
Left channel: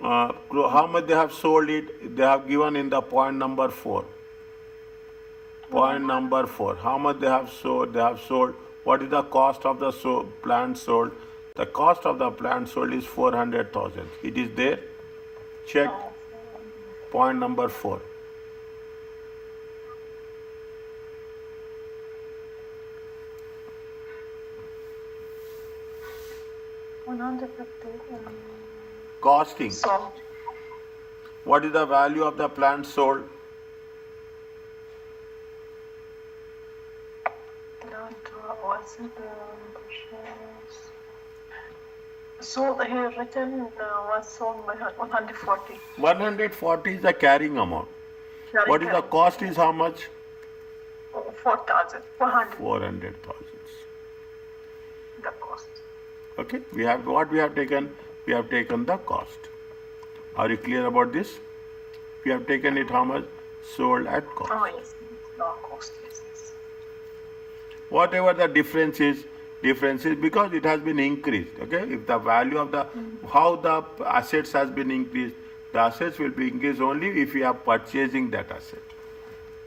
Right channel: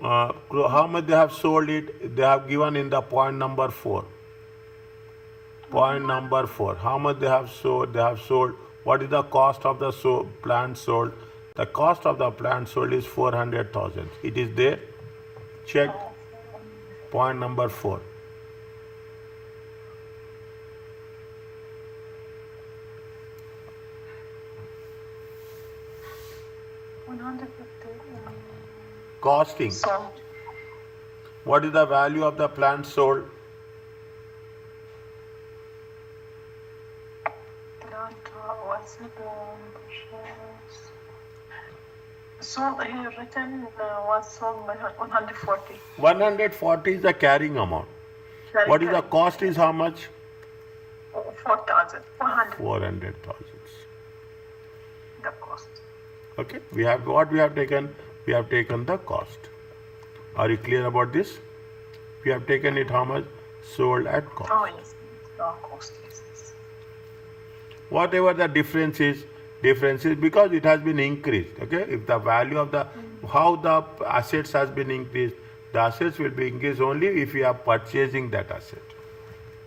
how much they have sold it? They have given in the point number 4. Point number 4. How much they have sold? They have sold. What is the cost of the plant sold? The cost of the plant sold is 400,000. It is there. Check. Point number 4. Costing. So, What is the value of the plant sold? what's the sold here written was sold by 140. 140 is the carrying amount. What is the cost is how much? 4,000. 400. 400,000. The cost. Okay. We have what we have taken? We have taken the cost. Are you clear about this? We have taken it how much? Sold at cost. Oh yes. No cost. Yes. Whatever the difference is because it has been increased. Okay. If the value of the how the assets has been increased, the assets will be increased only if we are purchasing that asset.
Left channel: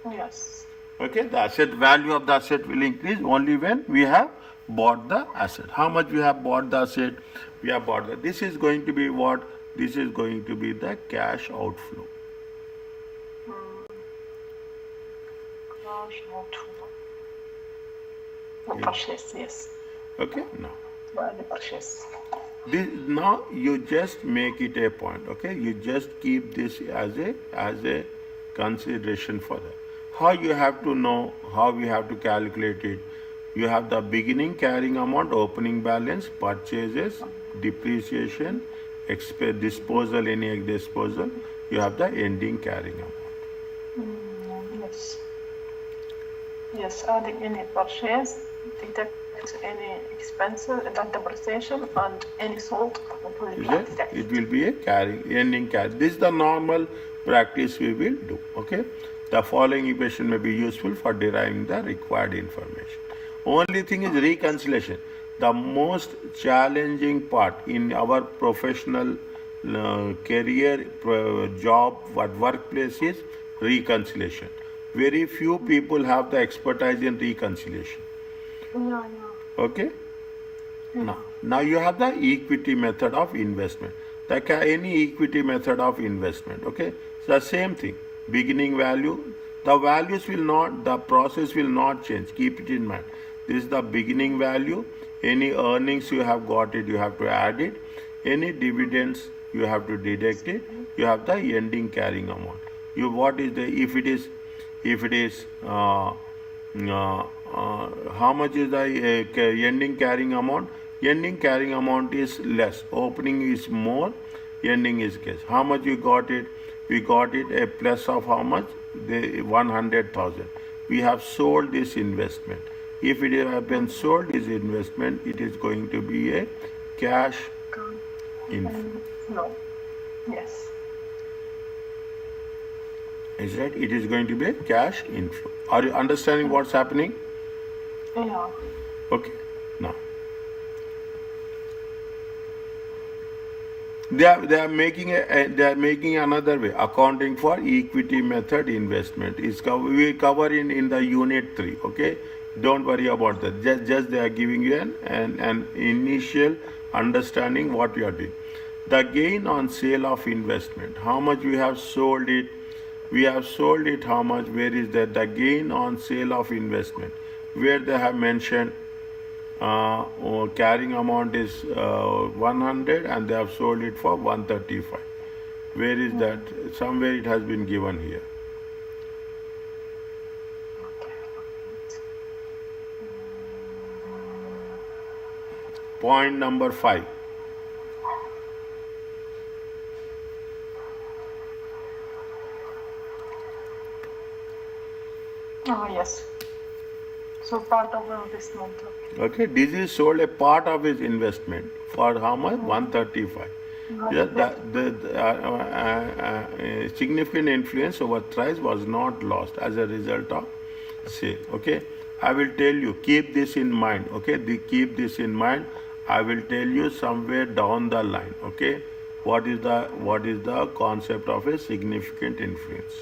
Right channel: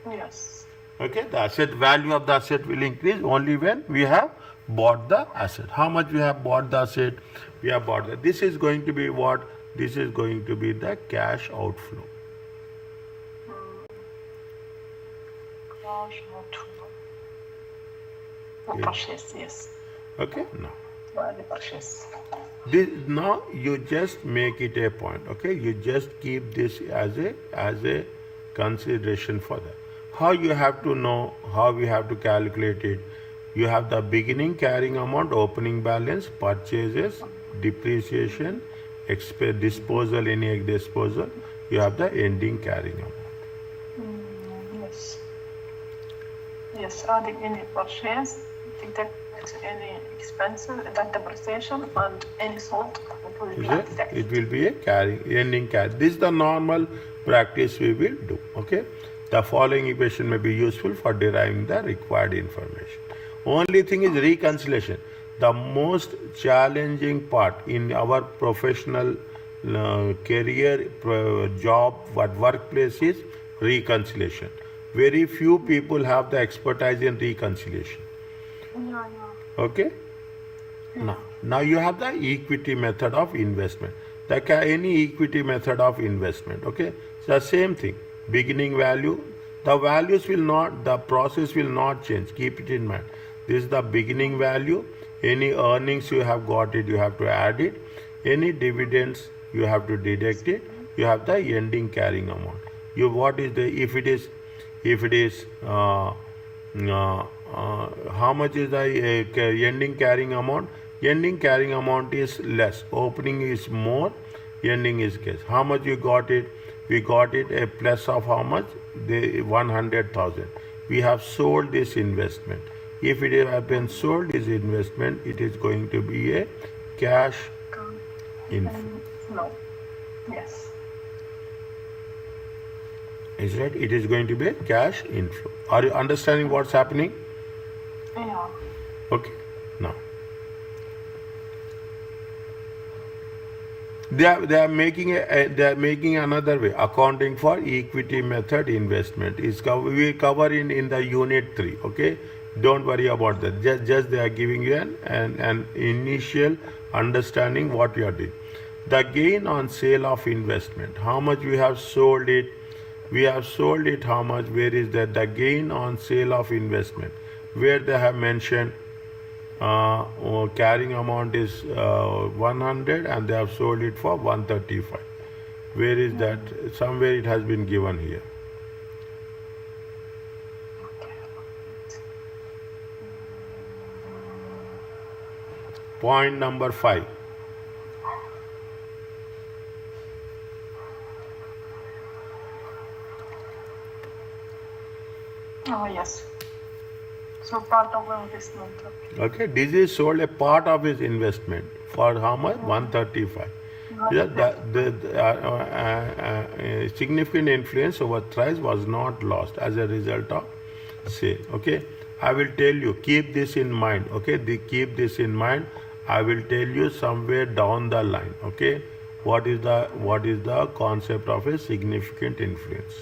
Yes. Okay. The asset value of the asset will increase only when we have bought the asset. How much we have bought the asset? We have bought that. This is going to be what? This is going to be the cash outflow. Cash outflow. Purchase, yes. Okay. Now. The purchase. Now you just make it a point. Okay. You just keep this as a consideration for that. How you have to know? How we have to calculate it? You have the beginning carrying amount, opening balance, purchases, depreciation, disposal, any disposal. You have the ending carrying amount. Yes. Yes, adding any purchase, deduct any expenses, deduct depreciation, and any sold. It will be a ending carry. This is the normal practice we will do. Okay. The following equation may be useful for deriving the required information. Only thing is reconciliation. The most challenging part in our professional career, job, workplace is reconciliation. Very few people have the expertise in reconciliation. Yeah. Okay? Now, Now you have the equity method of investment. Like any equity method of investment, okay? It's the same thing. Beginning value, the values will not, the process will not change. Keep it in mind. This is the beginning value. Any earnings you have got it, you have to add it. Any dividends, you have to deduct it. You have the ending carrying amount. You what is the if it is how much is the ending carrying amount? Ending carrying amount is less. Opening is more. Ending is less. How much you got it? We got it a plus of how much? 100,000. We have sold this investment. If it has been sold this investment, it is going to be a cash inflow. No. Yes. Is right? It is going to be a cash inflow. Are you understanding what's happening? Yeah. Okay. Now they are making another way. Accounting for equity method investment is we cover in the unit 3. Okay, don't worry about that. Just they are giving you an initial understanding what we are doing. The gain on sale of investment. How much we have sold it? We have sold it. How much? Where is that? The gain on sale of investment. Where they have mentioned carrying amount is 100 and they have sold it for 135. Where is that? Somewhere it has been given here. Point number 5. Oh, yes. So part of this month. Okay, this is sold a part of his investment for how much? 135. The significant influence over price was not lost as a result of sale. Okay, I will tell you. Keep this in mind. Okay, keep this in mind. I will tell you somewhere down the line. Okay, what is the concept of a significant influence?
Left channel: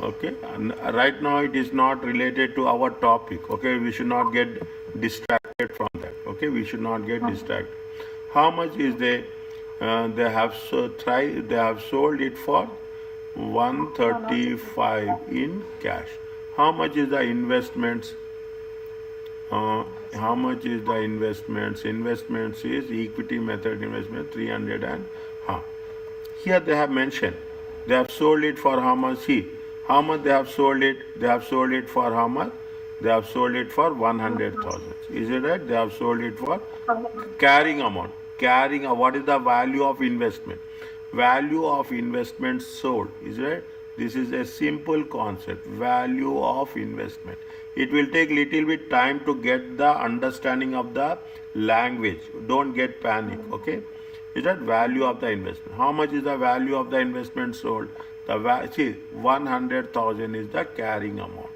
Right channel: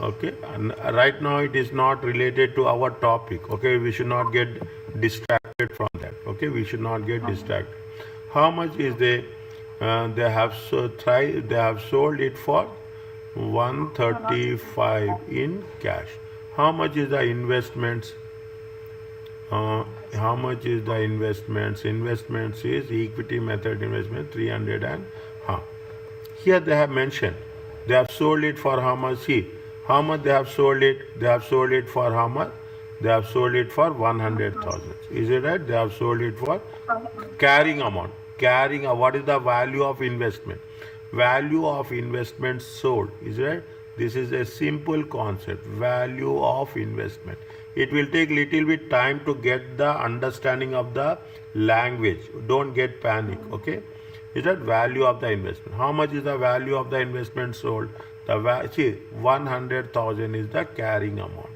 Okay. And right now it is not related to our topic. Okay, we should not get distracted from that. Okay, we should not get distracted. How much is they have sold it for 135 in cash. How much is the investments? How much is the investments? Investments is equity method investment 300 and here they have mentioned. They have sold it for how much? See, how much they have sold it? They have sold it for how much? They have sold it for 100,000. Is it right? They have sold it for carrying amount. What is the value of investment? Value of investment sold. Is it right? This is a simple concept. Value of investment. It will take little bit time to get the understanding of the language. Don't get panic. Okay. Is that value of the investment? How much is the value of the investment sold? See, 100,000 is the carrying amount.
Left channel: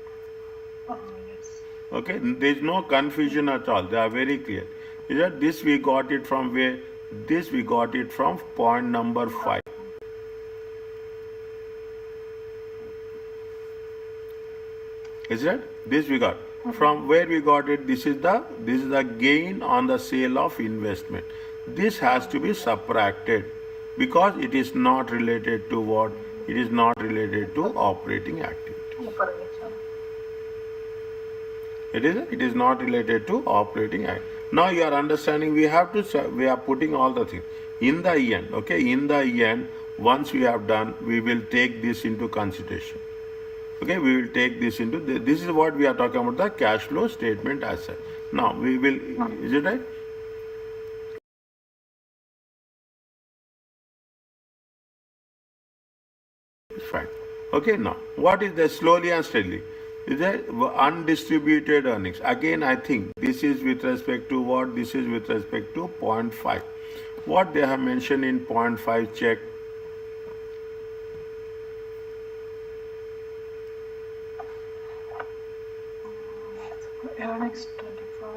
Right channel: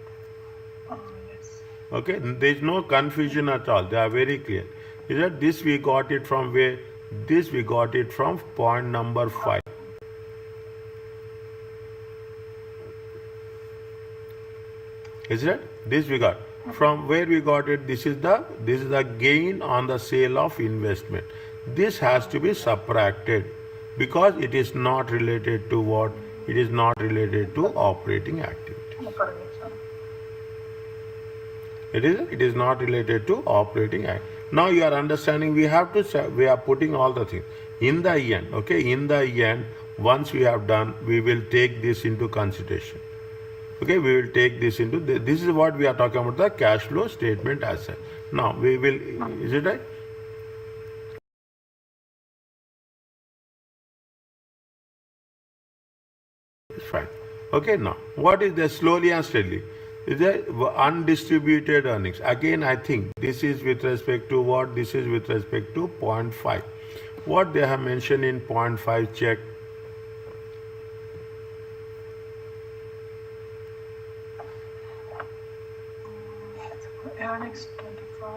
Oh, yes. Okay, there is no confusion at all. They are very clear. Is that this we got it from where? This we got it from point number 5. Is it? This we got. From where we got it? This is the gain on the sale of investment. This has to be subtracted because it is not related to what? It is not related to operating activity. It is not related to operating activity. Now you are understanding. We are putting all the things in the end. Okay, in the end, once we have done, we will take this into consideration. Okay, we will take this into this is what we are talking about, the cash flow statement as such. Now we will. Is it right? Fine. Okay, now what is the slowly and steadily? Is there undistributed earnings? Again, I think this is with respect to what? This is with respect to point 5. What they have mentioned in point 5, check. Earnings 25,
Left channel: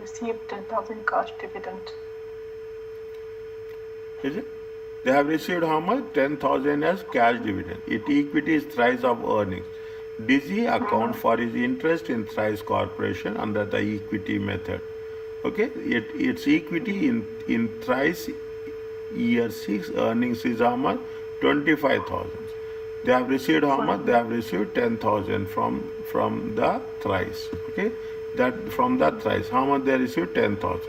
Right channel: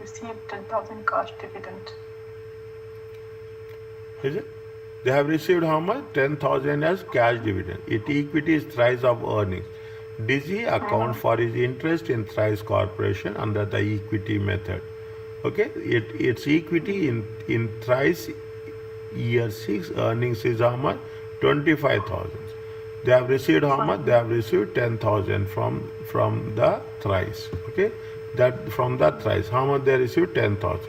received 10,000 cash dividend. Is it? They have received how much? 10,000 as cash dividend. Equity is thrice of earnings. Dizzy account for his interest in Thrice Corporation under the equity method. Okay, its equity in Thrice year 6 earnings is how much? 25,000. They have received how much? They have received 10,000 from the Thrice. Okay, that from the Thrice. How much they received? 10,000.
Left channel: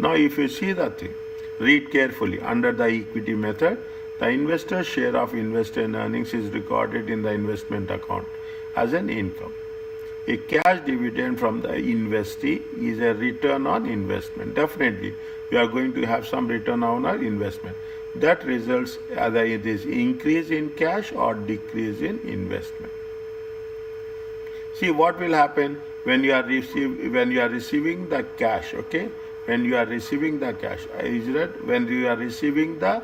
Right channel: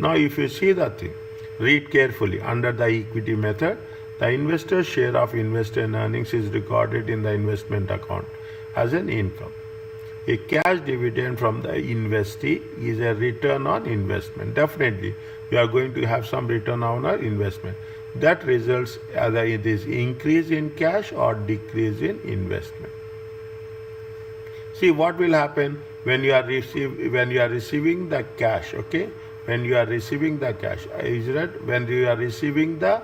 Now, if you see the thing, read carefully. Under the equity method, the investor's share of investor earnings is recorded in the investment account as an income. A cash dividend from the investee is a return on investment. Definitely, we are going to have some return on our investment. That results either it is increase in cash or decrease in investment. See what will happen when you are receiving the cash. Okay, when you are receiving the cash, is that when you are receiving the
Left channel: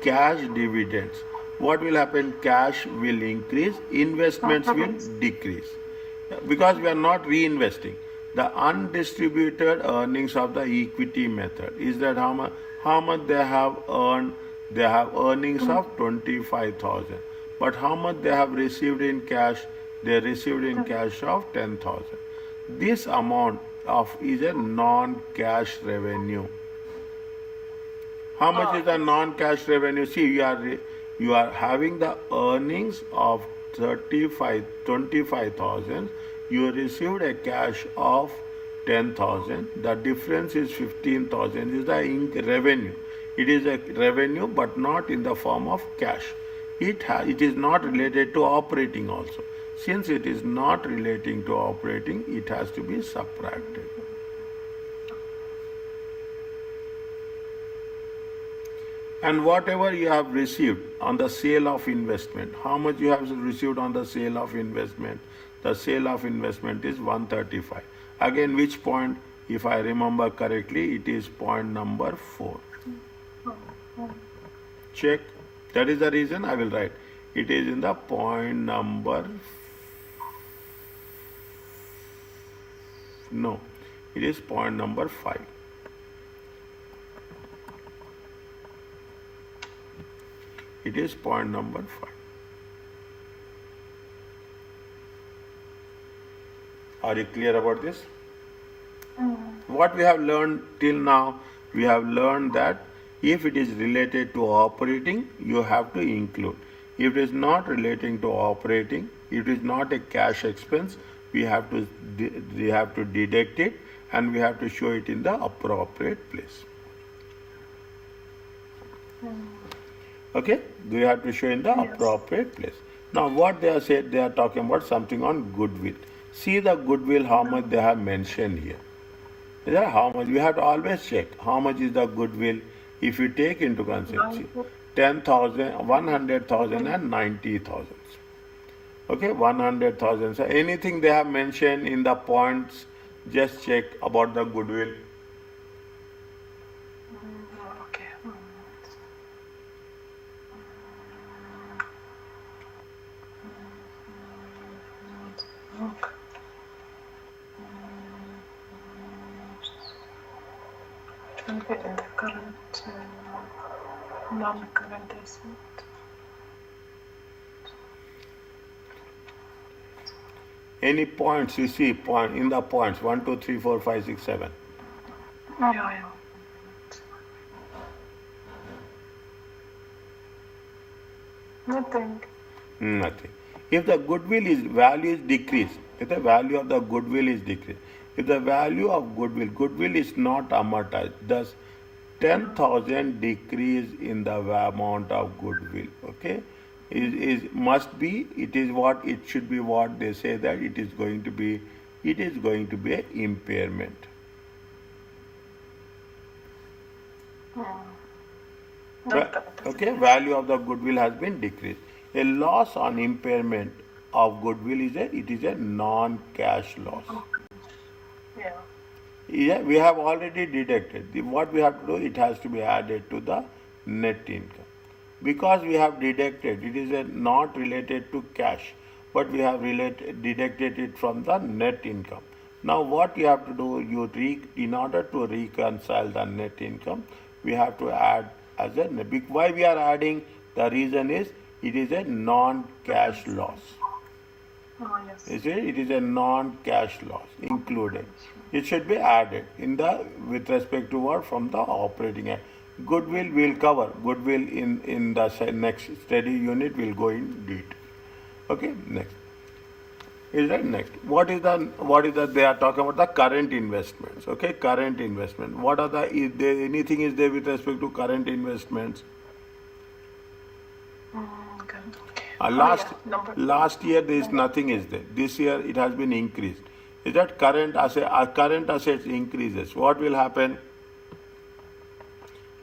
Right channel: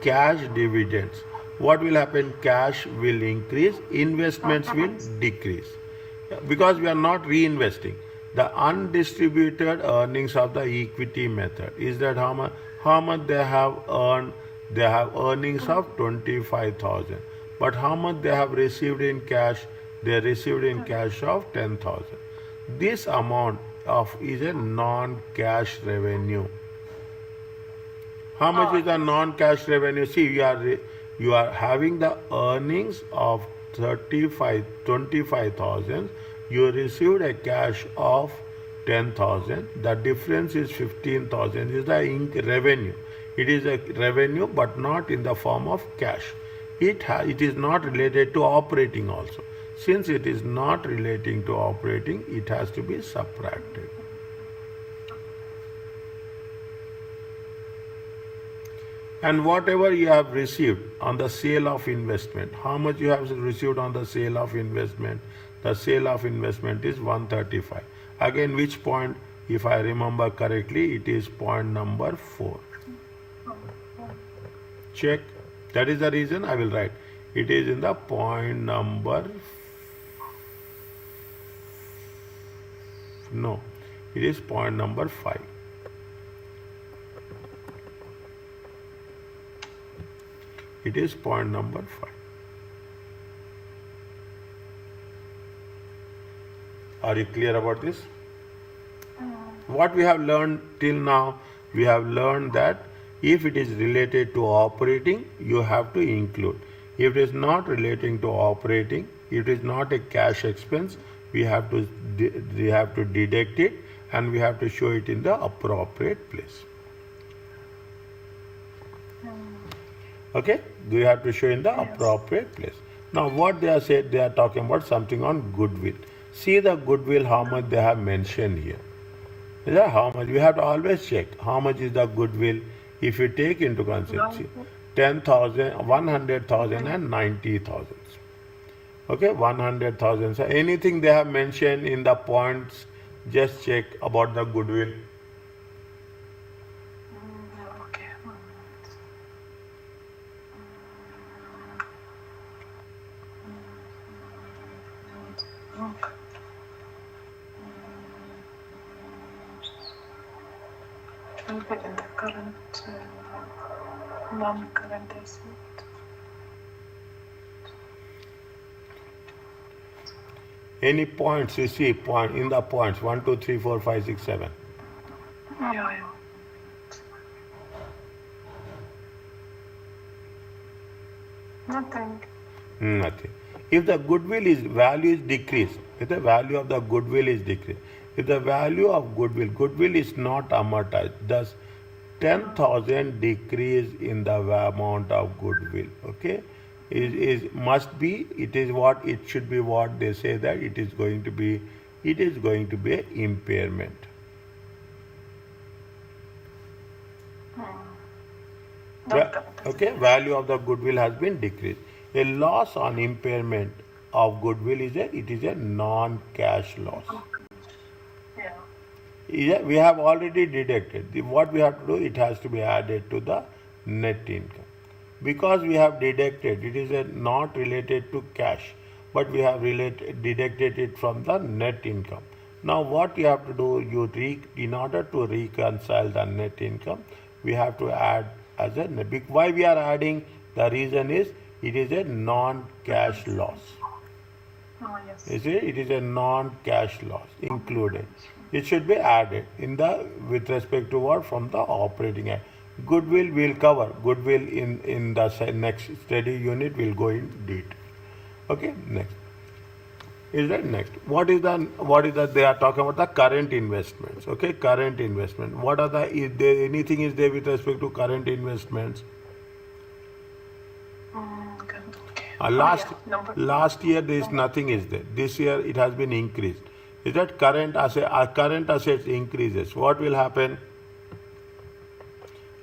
cash dividends, what will happen? Cash will increase, investments will decrease, because we are not reinvesting. The undistributed earnings of the equity method is that how much they have earned. They have earnings of 25,000, but how much they have received in cash? They received in cash of 10,000. This amount is a non-cash revenue. How much is the non-cash revenue? See, you are having the earnings of 25,000. You received a cash of 10,000. The difference is 15,000 is the revenue. It is a revenue, but not in the form of cash. It is not related to operating also. Since it is not relating to operating, it has to be subtracted. And whatever you have received on the sale of investment, how much you have received on the sale of investment? The sale of investment is 135. Again, which point, if I remember correctly, it is point number 4. Check. That is the reason I will write. It is in the point number. No, it is point number 5. It is point number 5. Are you clear about this? What we have learned till now, we have learned that if it is related to operating, you have to include. If it is not relating to operating, it is not a cash expense, we have to deduct it, and we have to show it in the appropriate place. Okay, we have to show in the appropriate place. Now what they are said, they are talking about something on goodwill. See the goodwill, how much they have mentioned here. Yeah, how much? You have to always check how much is the goodwill. If you take into consideration 10,000, 100,000 and 90,000. Okay, 100,000. So anything they have mentioned in the points, just check about the goodwill. Okay. It will be in the current, non-current asset. Any points you see point in the points 1, 2, 3, 4, 5, 6, 7. Yeah. Nothing. Nothing. If the goodwill is value is decreased, if the value of the goodwill is decreased, if the value of goodwill is not amortized, thus 10,000 decrease in the amount of goodwill. Okay, must be. It is what it should be. What they say that it is going to be. It is going to be an impairment. Okay, value of the goodwill has been decreased. A loss on impairment of goodwill is a non-cash loss. Yeah, we have already deducted. What we have to do, it has to be added to the net income. Because we have deducted, it is not related to cash, but we have deducted it from the net income. Now what you have to do, in order to reconcile the net income, we have to add as a net. Why we are adding? The reason is it is a non-cash loss. Oh, yes. You see, it is a non-cash loss included. It should be added in the with respect to what from the operating. Goodwill will cover. Goodwill in the next study unit will go in detail. Okay, next. Is that next? What is the they are talking about the current investments. Okay, current investment. What are the is there anything is there with respect to current investments? Okay. Last Yeah. Number. last year there is nothing is there. This year it has been increased. Is that current assets increases? What will happen?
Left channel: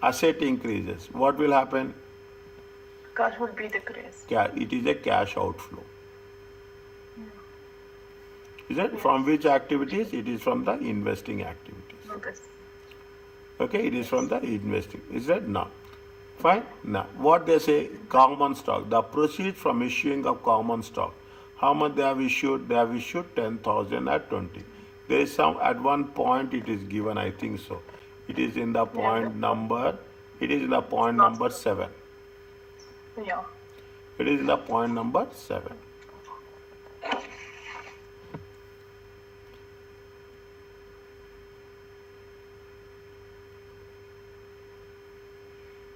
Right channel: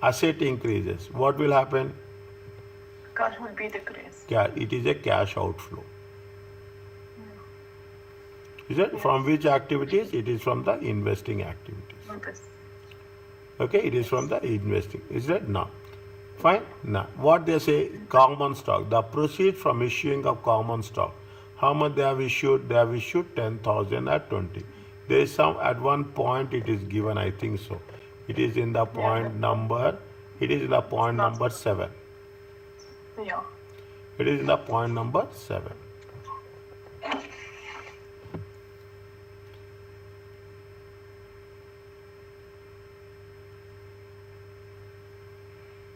Asset increases. What will happen? Cash will be decreased. It is a cash outflow. Is it from which activities? It is from the investing activities. Yes. Okay, it is from the investing. Is that now? Fine. Now, what they say, common stock, the proceeds from issuing of common stock. How much they have issued? They have issued 10,000 at 20. There is some, at one point it is given, I think so. It is in the point number, it is in the point number 7. Yeah. It is in the point number 7.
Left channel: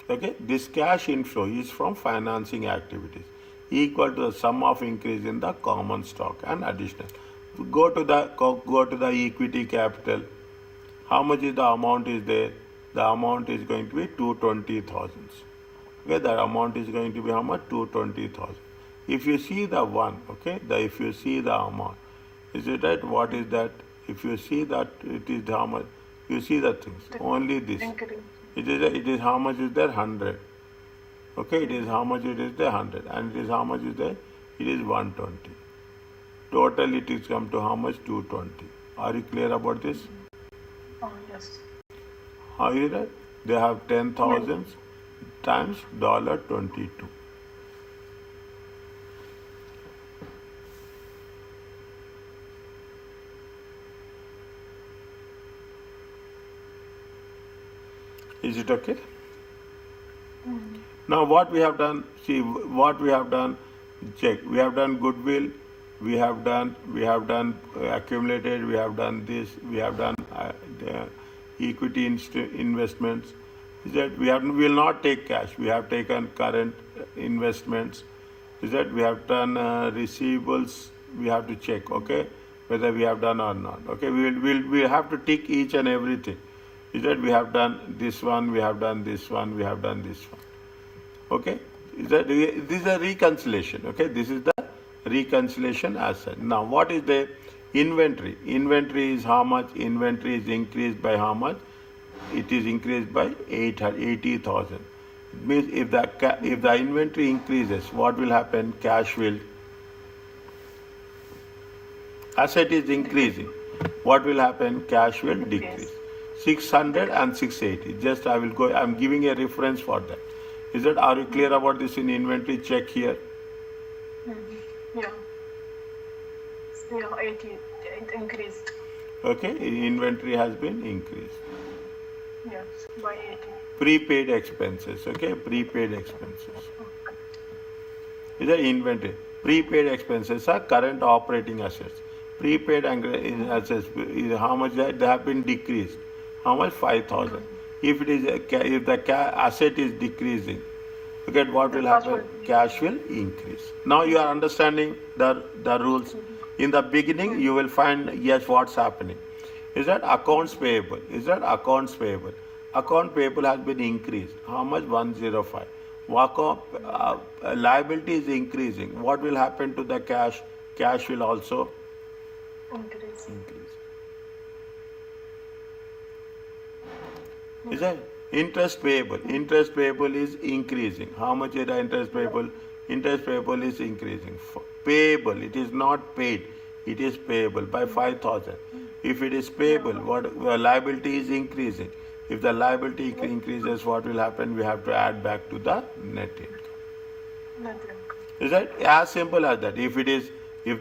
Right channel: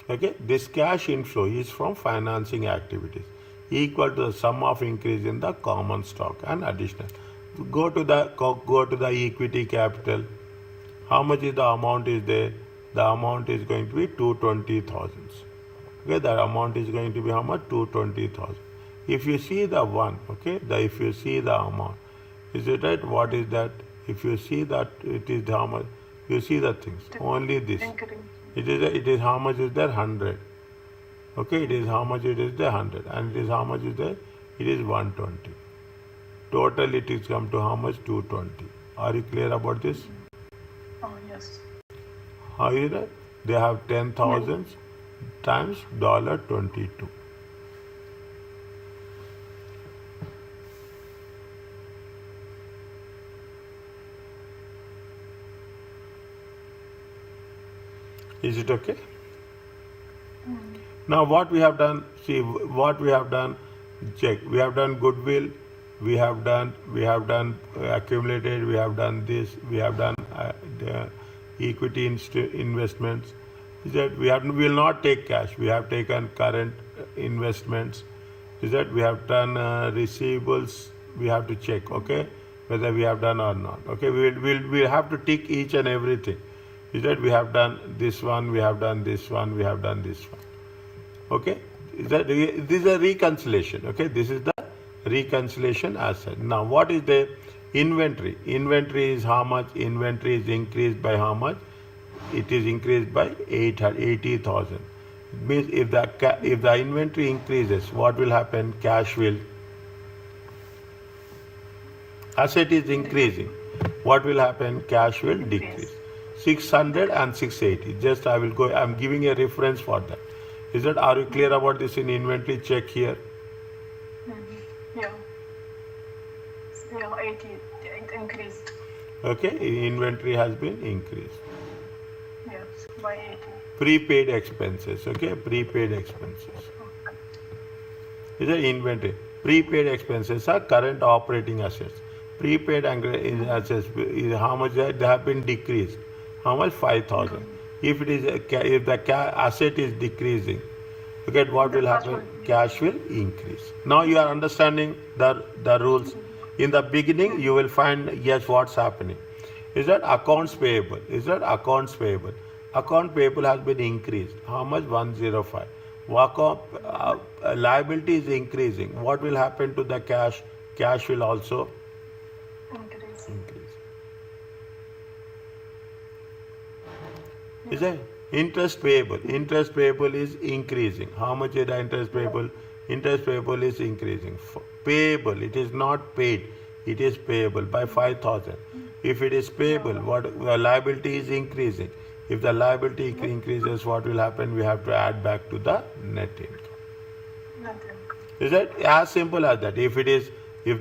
Okay, this cash inflow is from financing activities equal to the sum of increase in the common stock and additional. Go to the equity capital. How much is the amount is there? The amount is going to be 220,000. Okay, that amount is going to be how much? 220,000. If you see the one, okay, if you see the amount, is it right? What is that? If you see that it is how much? You see the things. Only this. It is how much is there? 100. Okay, it is how much it is there? 100. And it is how much is there? It is 120. Total it is come to how much? 220. Are you clear about this? Oh, yes. How is that? They have 10,000 times $22. Is it okay? Now what we have done, see what we have done, check. We have done goodwill, we have done accumulated, we have done this, we have done the equity investments. Is that we will not take cash. We have taken current investments. Is that we have done receivables. We have to check, okay, whether we have done or not. Okay, we have to tick each and everything. Is that we have done this one, we have done this one, we have done this one. Okay, this is a reconciliation. Okay, this is the reconciliation asset. Now, what is the inventory? Inventory is how much? Inventory is increased by how much? It is increased by 80,000. It means if the inventory increases, what will happen? Cash will. Asset is increasing. What will happen? Cash will decrease. 600 and 680. Just I will go. I am giving a reference for that. Is that? Are you clear about this in inventory? Check here. Yeah. Yeah, 80 it increased. Okay, inventory has been increased. Yes, by 80. Prepaid expenses. Okay, prepaid expenses. Is a inventory. Prepaid expenses are current operating assets. Prepaid assets is how much they have been decreased. How much? 5,000. If it is if the asset is decreasing, okay, what will happen? Cash will increase. Now you are understanding the rules. In the beginning, you will find yes what's happening. Is that accounts payable? Is that accounts payable? Account payable has been increased. How much? 105. Liability is increasing. What will happen to the cash? Cash will also Increase. increase. Is that interest payable? Interest payable is increasing. How much is the interest payable? Interest payable is increasing. Payable, it is not paid. It is payable by 5,000. If it is payable, what liability is increasing. If the liability increases, what will happen? We have to add back to the net income. Nothing. Is that as simple as that? If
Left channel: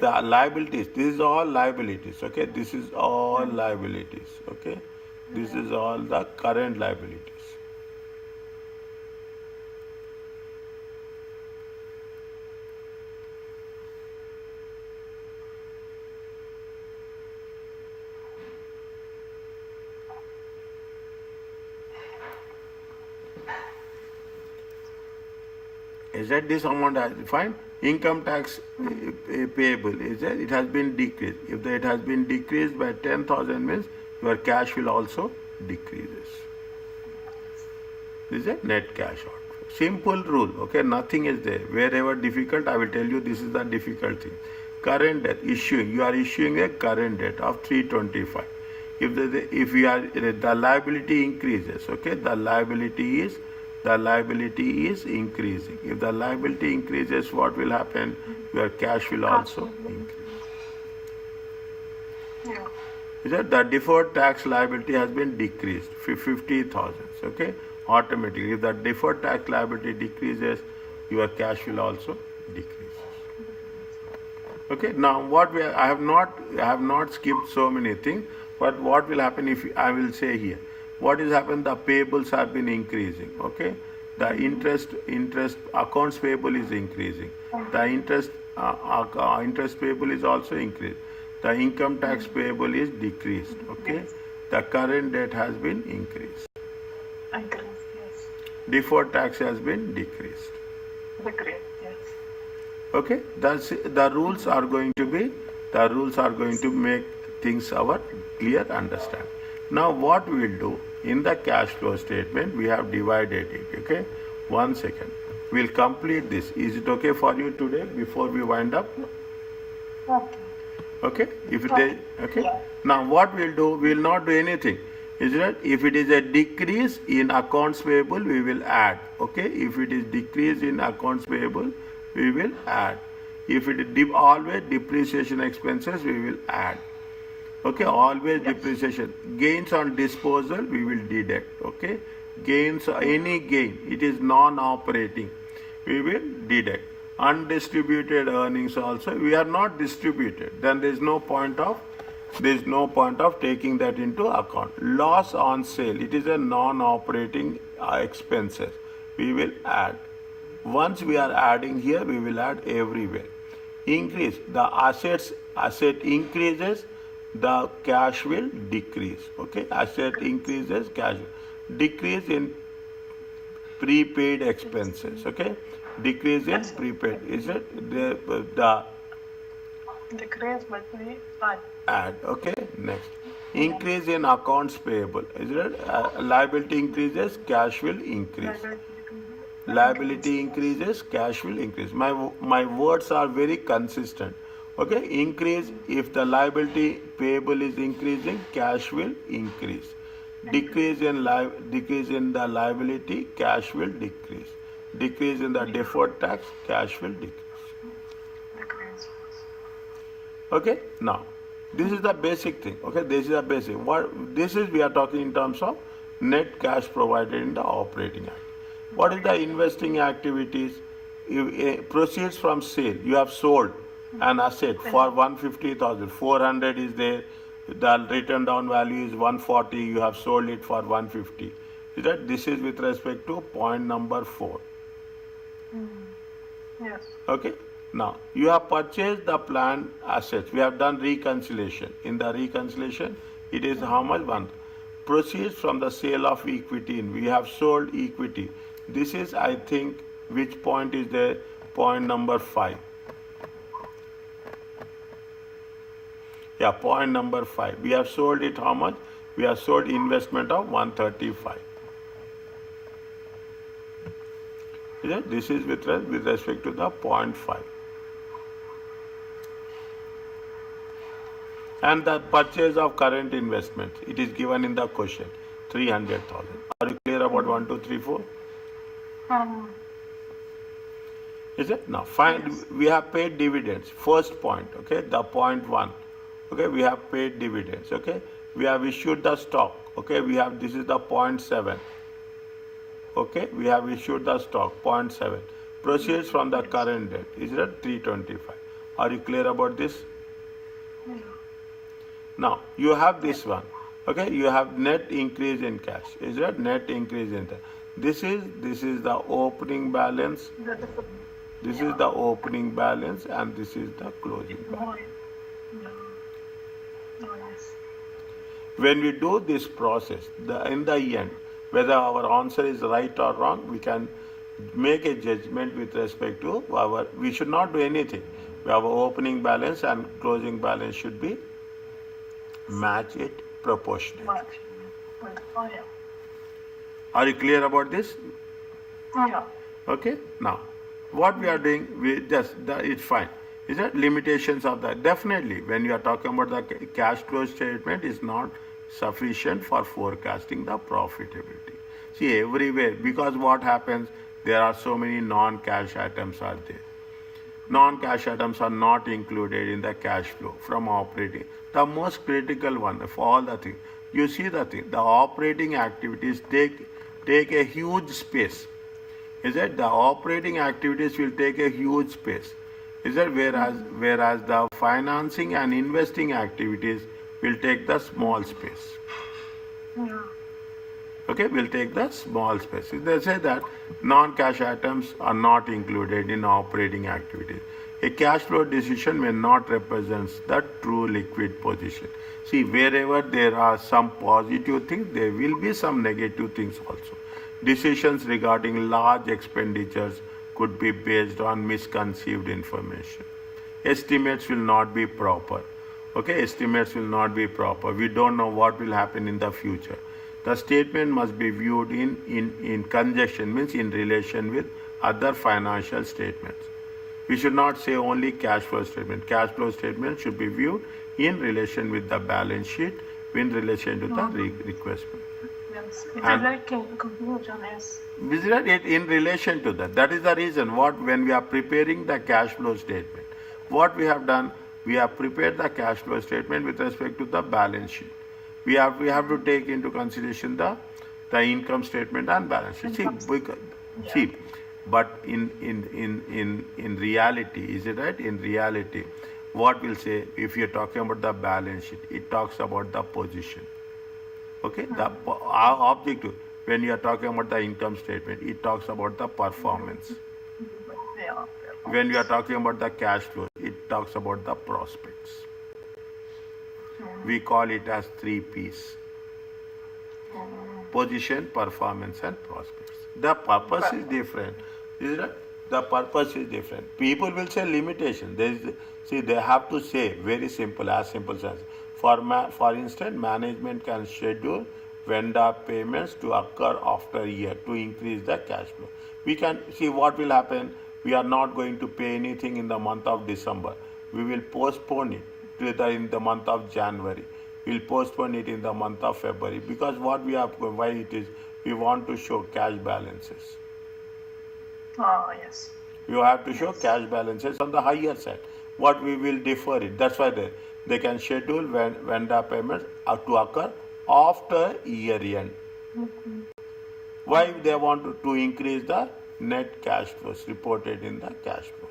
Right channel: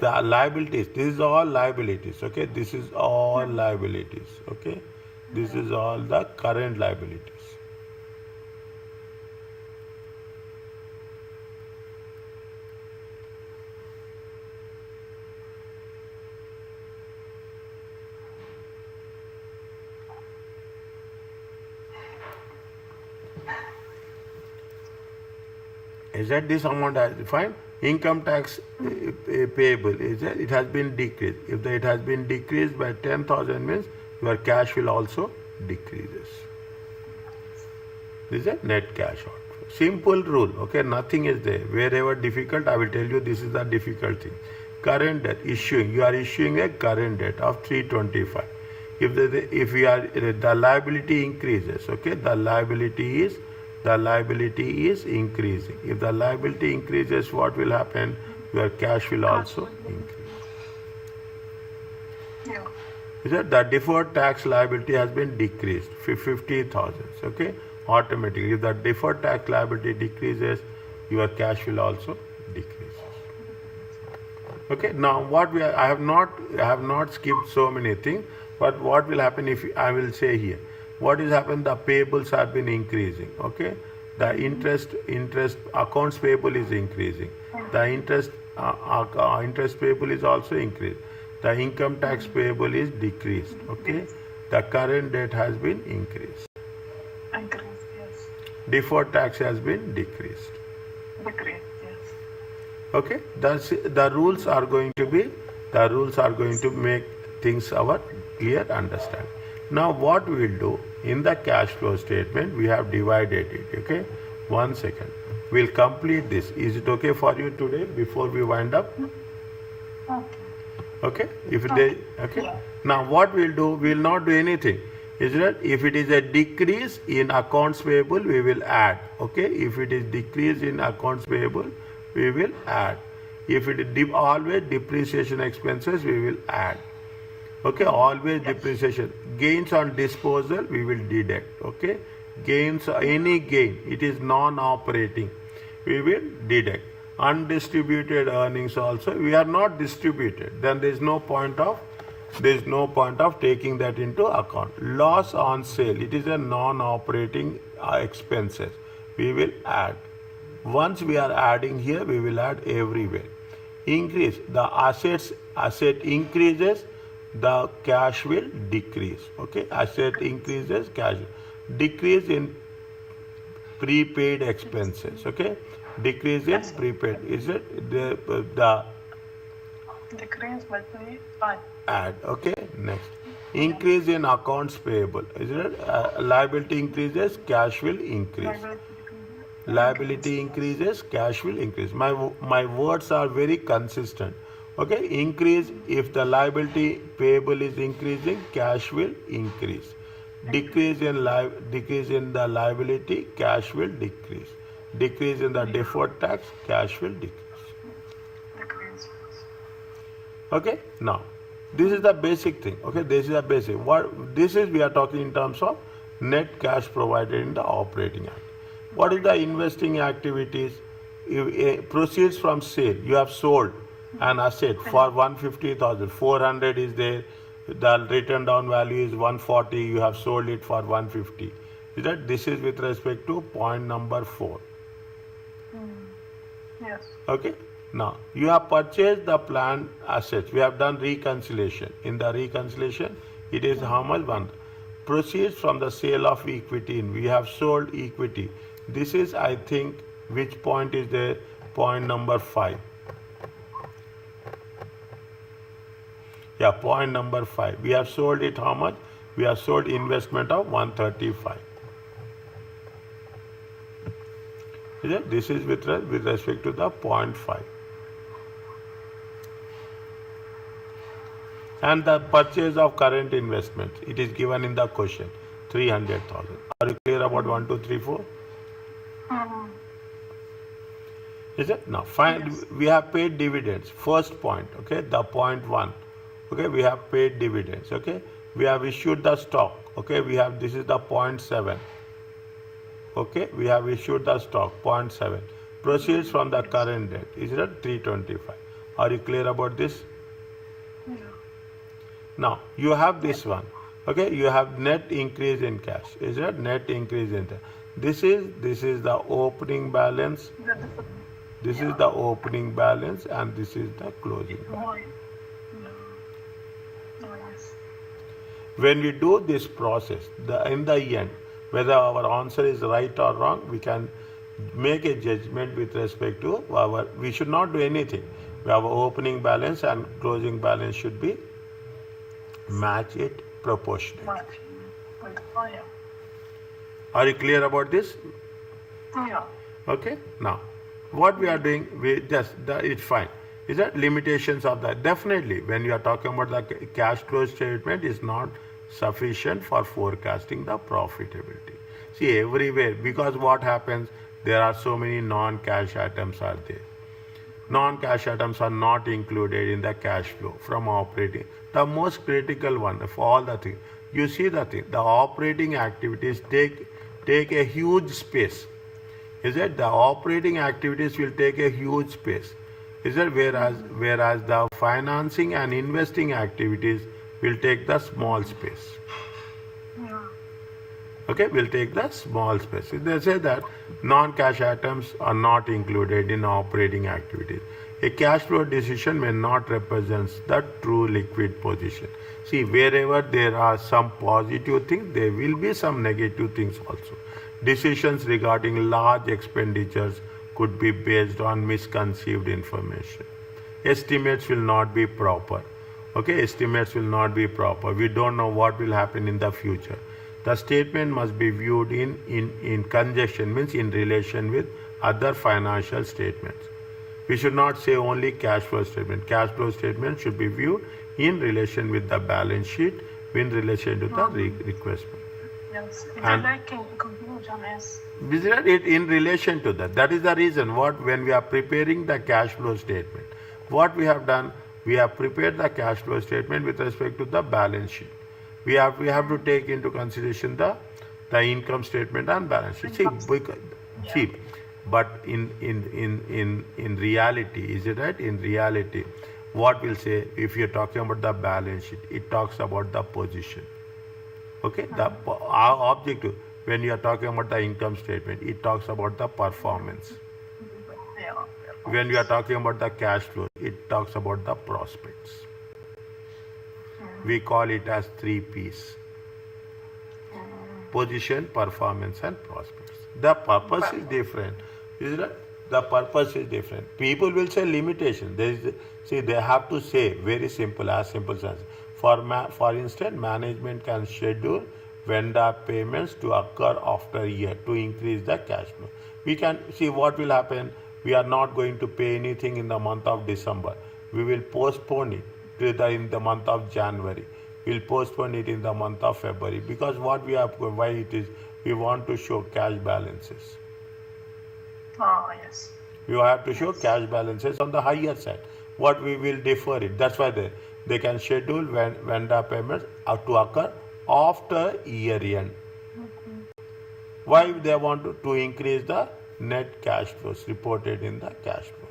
the liabilities, this is all liabilities, okay? This is all liabilities, okay? This is all the current liabilities. Is that this amount has fine? Income tax payable is that it has been decreased. If it has been decreased by 10,000 means your cash will also decreases. This is a net cash outflow. Simple rule, okay? Nothing is there. Wherever difficult, I will tell you this is the difficult thing. Current debt issuing. You are issuing a current debt of 325. If the liability increases, okay? The liability is increasing. If the liability increases, what will happen? Your cash will also increase. Yeah. Is that the deferred tax liability has been decreased 50,000, okay? Automatically, if the deferred tax liability decreases, your cash will also decrease. Okay. Now, I have not skipped so many things, but what will happen if I will say here? What is happened? The payables have been increasing. Okay. The interest accounts payable is increasing. The interest payable is also increased. The income tax payable is decreased. Okay. The current debt has been increased. Increase, yes. Deferred tax has been decreased. Decrease, yes. Okay. The rules are going to make things our clear understand. Now what we will do in the cash flow statement, we have divided it. Okay. 1 second. We'll complete this. Is it okay for you today before we wind up? Okay. Okay. Okay. Now what we'll do, we'll not do anything. Is that if it is a decrease in accounts payable, we will add. Okay. If it is decrease in accounts payable, we will add. If it is always depreciation expenses, we will add. Okay. Always depreciation. Gains on disposal, we will deduct. Okay. Gains, any gain, it is non-operating, we will deduct. Undistributed earnings also, we are not distributed, then there is no point of taking that into account. Loss on sale, it is a non-operating expenses, we will add. Once we are adding here, we will add everywhere. Increase, the asset increases, the cash will decrease. Okay, asset increases, cash decrease in prepaid expenses. Okay, decrease in prepaid, is it the Decrease by 3, add. Okay, next, increase in accounts payable, is it liability increases, cash will increase. Liability increases, cash will increase. My words are very consistent. Okay, increase, if the liability payable is increasing, cash will increase. Decrease in the liability, cash will decrease. Decrease in the deferred tax, cash will decrease. decrease. Okay, now this is the basic thing. Okay, this is the basic. We are talking in terms of net cash provided in the operating act. What is the investing activities? Proceeds from sale. You have sold an asset for 150,000. 400 is there. The written down value is 140. You have sold it for 150. Is that this is with respect to point number 4. Yes. Okay. Now you have purchased the planned assets. We have done reconciliation. In the reconciliation, it is how much? 1. Proceeds from the sale of equity. We have sold equity. This is, I think, which point is there? Point number 5. Yeah, point number 5. We have sold it how much? We have sold investment of 135. This is with respect to the point 5. And the purchase of current investments, it is given in the question, 300,000. Are you clear about 1, 2, 3, 4? Is it? Now, fine. Yes. We have paid dividends. First point, okay, the point 1. Okay, we have paid dividends. Okay, we have issued the stock. Okay, this is the point 7. Okay, we have issued the stock, point 7. Proceeds from the current debt, is it 325? Are you clear about this? Yeah. Now, you have this one. Okay, you have net increase in cash. Is it net increase in cash? This is the opening balance. This is the opening balance, and this is the closing balance. Yes. When we do this process, in the end, whether our answer is right or wrong, we can make a judgment with respect to we should not do anything. Our opening balance and closing balance should be match it proportionate. Much. Oh, yeah. Are you clear about this? Yeah. Okay. Now, what we are doing, it's fine. Is that limitations of that? Definitely, when you are talking about the cash flow statement, is not sufficient for forecasting the profitability. See, everywhere, because what happens, there are so many non-cash items are there. Non-cash items are not included in the cash flow from operating. The most critical one of all the things. You see the thing, the operating activities take a huge space. Is it? The operating activities will take a huge space. Is it? Whereas the financing and investing activities will take the small space. Okay, will take the small space. They say that non-cash items are not included in operating activities. A cash flow decision may not represent the true liquid position. See, wherever there are some positive things, there will be some negative things also. Decisions regarding large expenditures could be based on misconceived information. Estimates will not be proper. Okay, estimates will not be proper. We don't know what will happen in the future. The statement must be viewed in conjunction, means in relation with other financial statements. We should not say only cash flow statement. Cash flow statement should be viewed in relation with the balance sheet, in relation to the request. Yes. If you like conclusion is. Visit it in relation to that. That is the reason when we are preparing the cash flow statement, what we have done, we have prepared the cash flow statement with respect to the balance sheet. We have to take into consideration the income statement and balance sheet. See, but in reality, is it right? In reality, what we'll say, if you're talking about the balance sheet, it talks about the position. Okay, our objective, when you are talking about the income statement, it talks about the performance. Yeah. When we are talking about the cash flow, it talks about the prospects. We call it as 3 P's: position, performance, and prospects. The purpose is different. Is it? The purpose is different. People will say limitation. They have to say very simple, as simple as, for instance, management can schedule vendor payments to occur after a year to increase the cash flow. We can see what will happen. We are not going to pay anything in the month of December. We will postpone it in the month of January. We'll postpone it in the month of February, because why it is, we want to show cash balances. Yes. You have to show cash balances on the higher side. What we will defer it. That's why they can schedule vendor payments to occur after year end. Why they want to increase the net cash flows reported in the cash flow.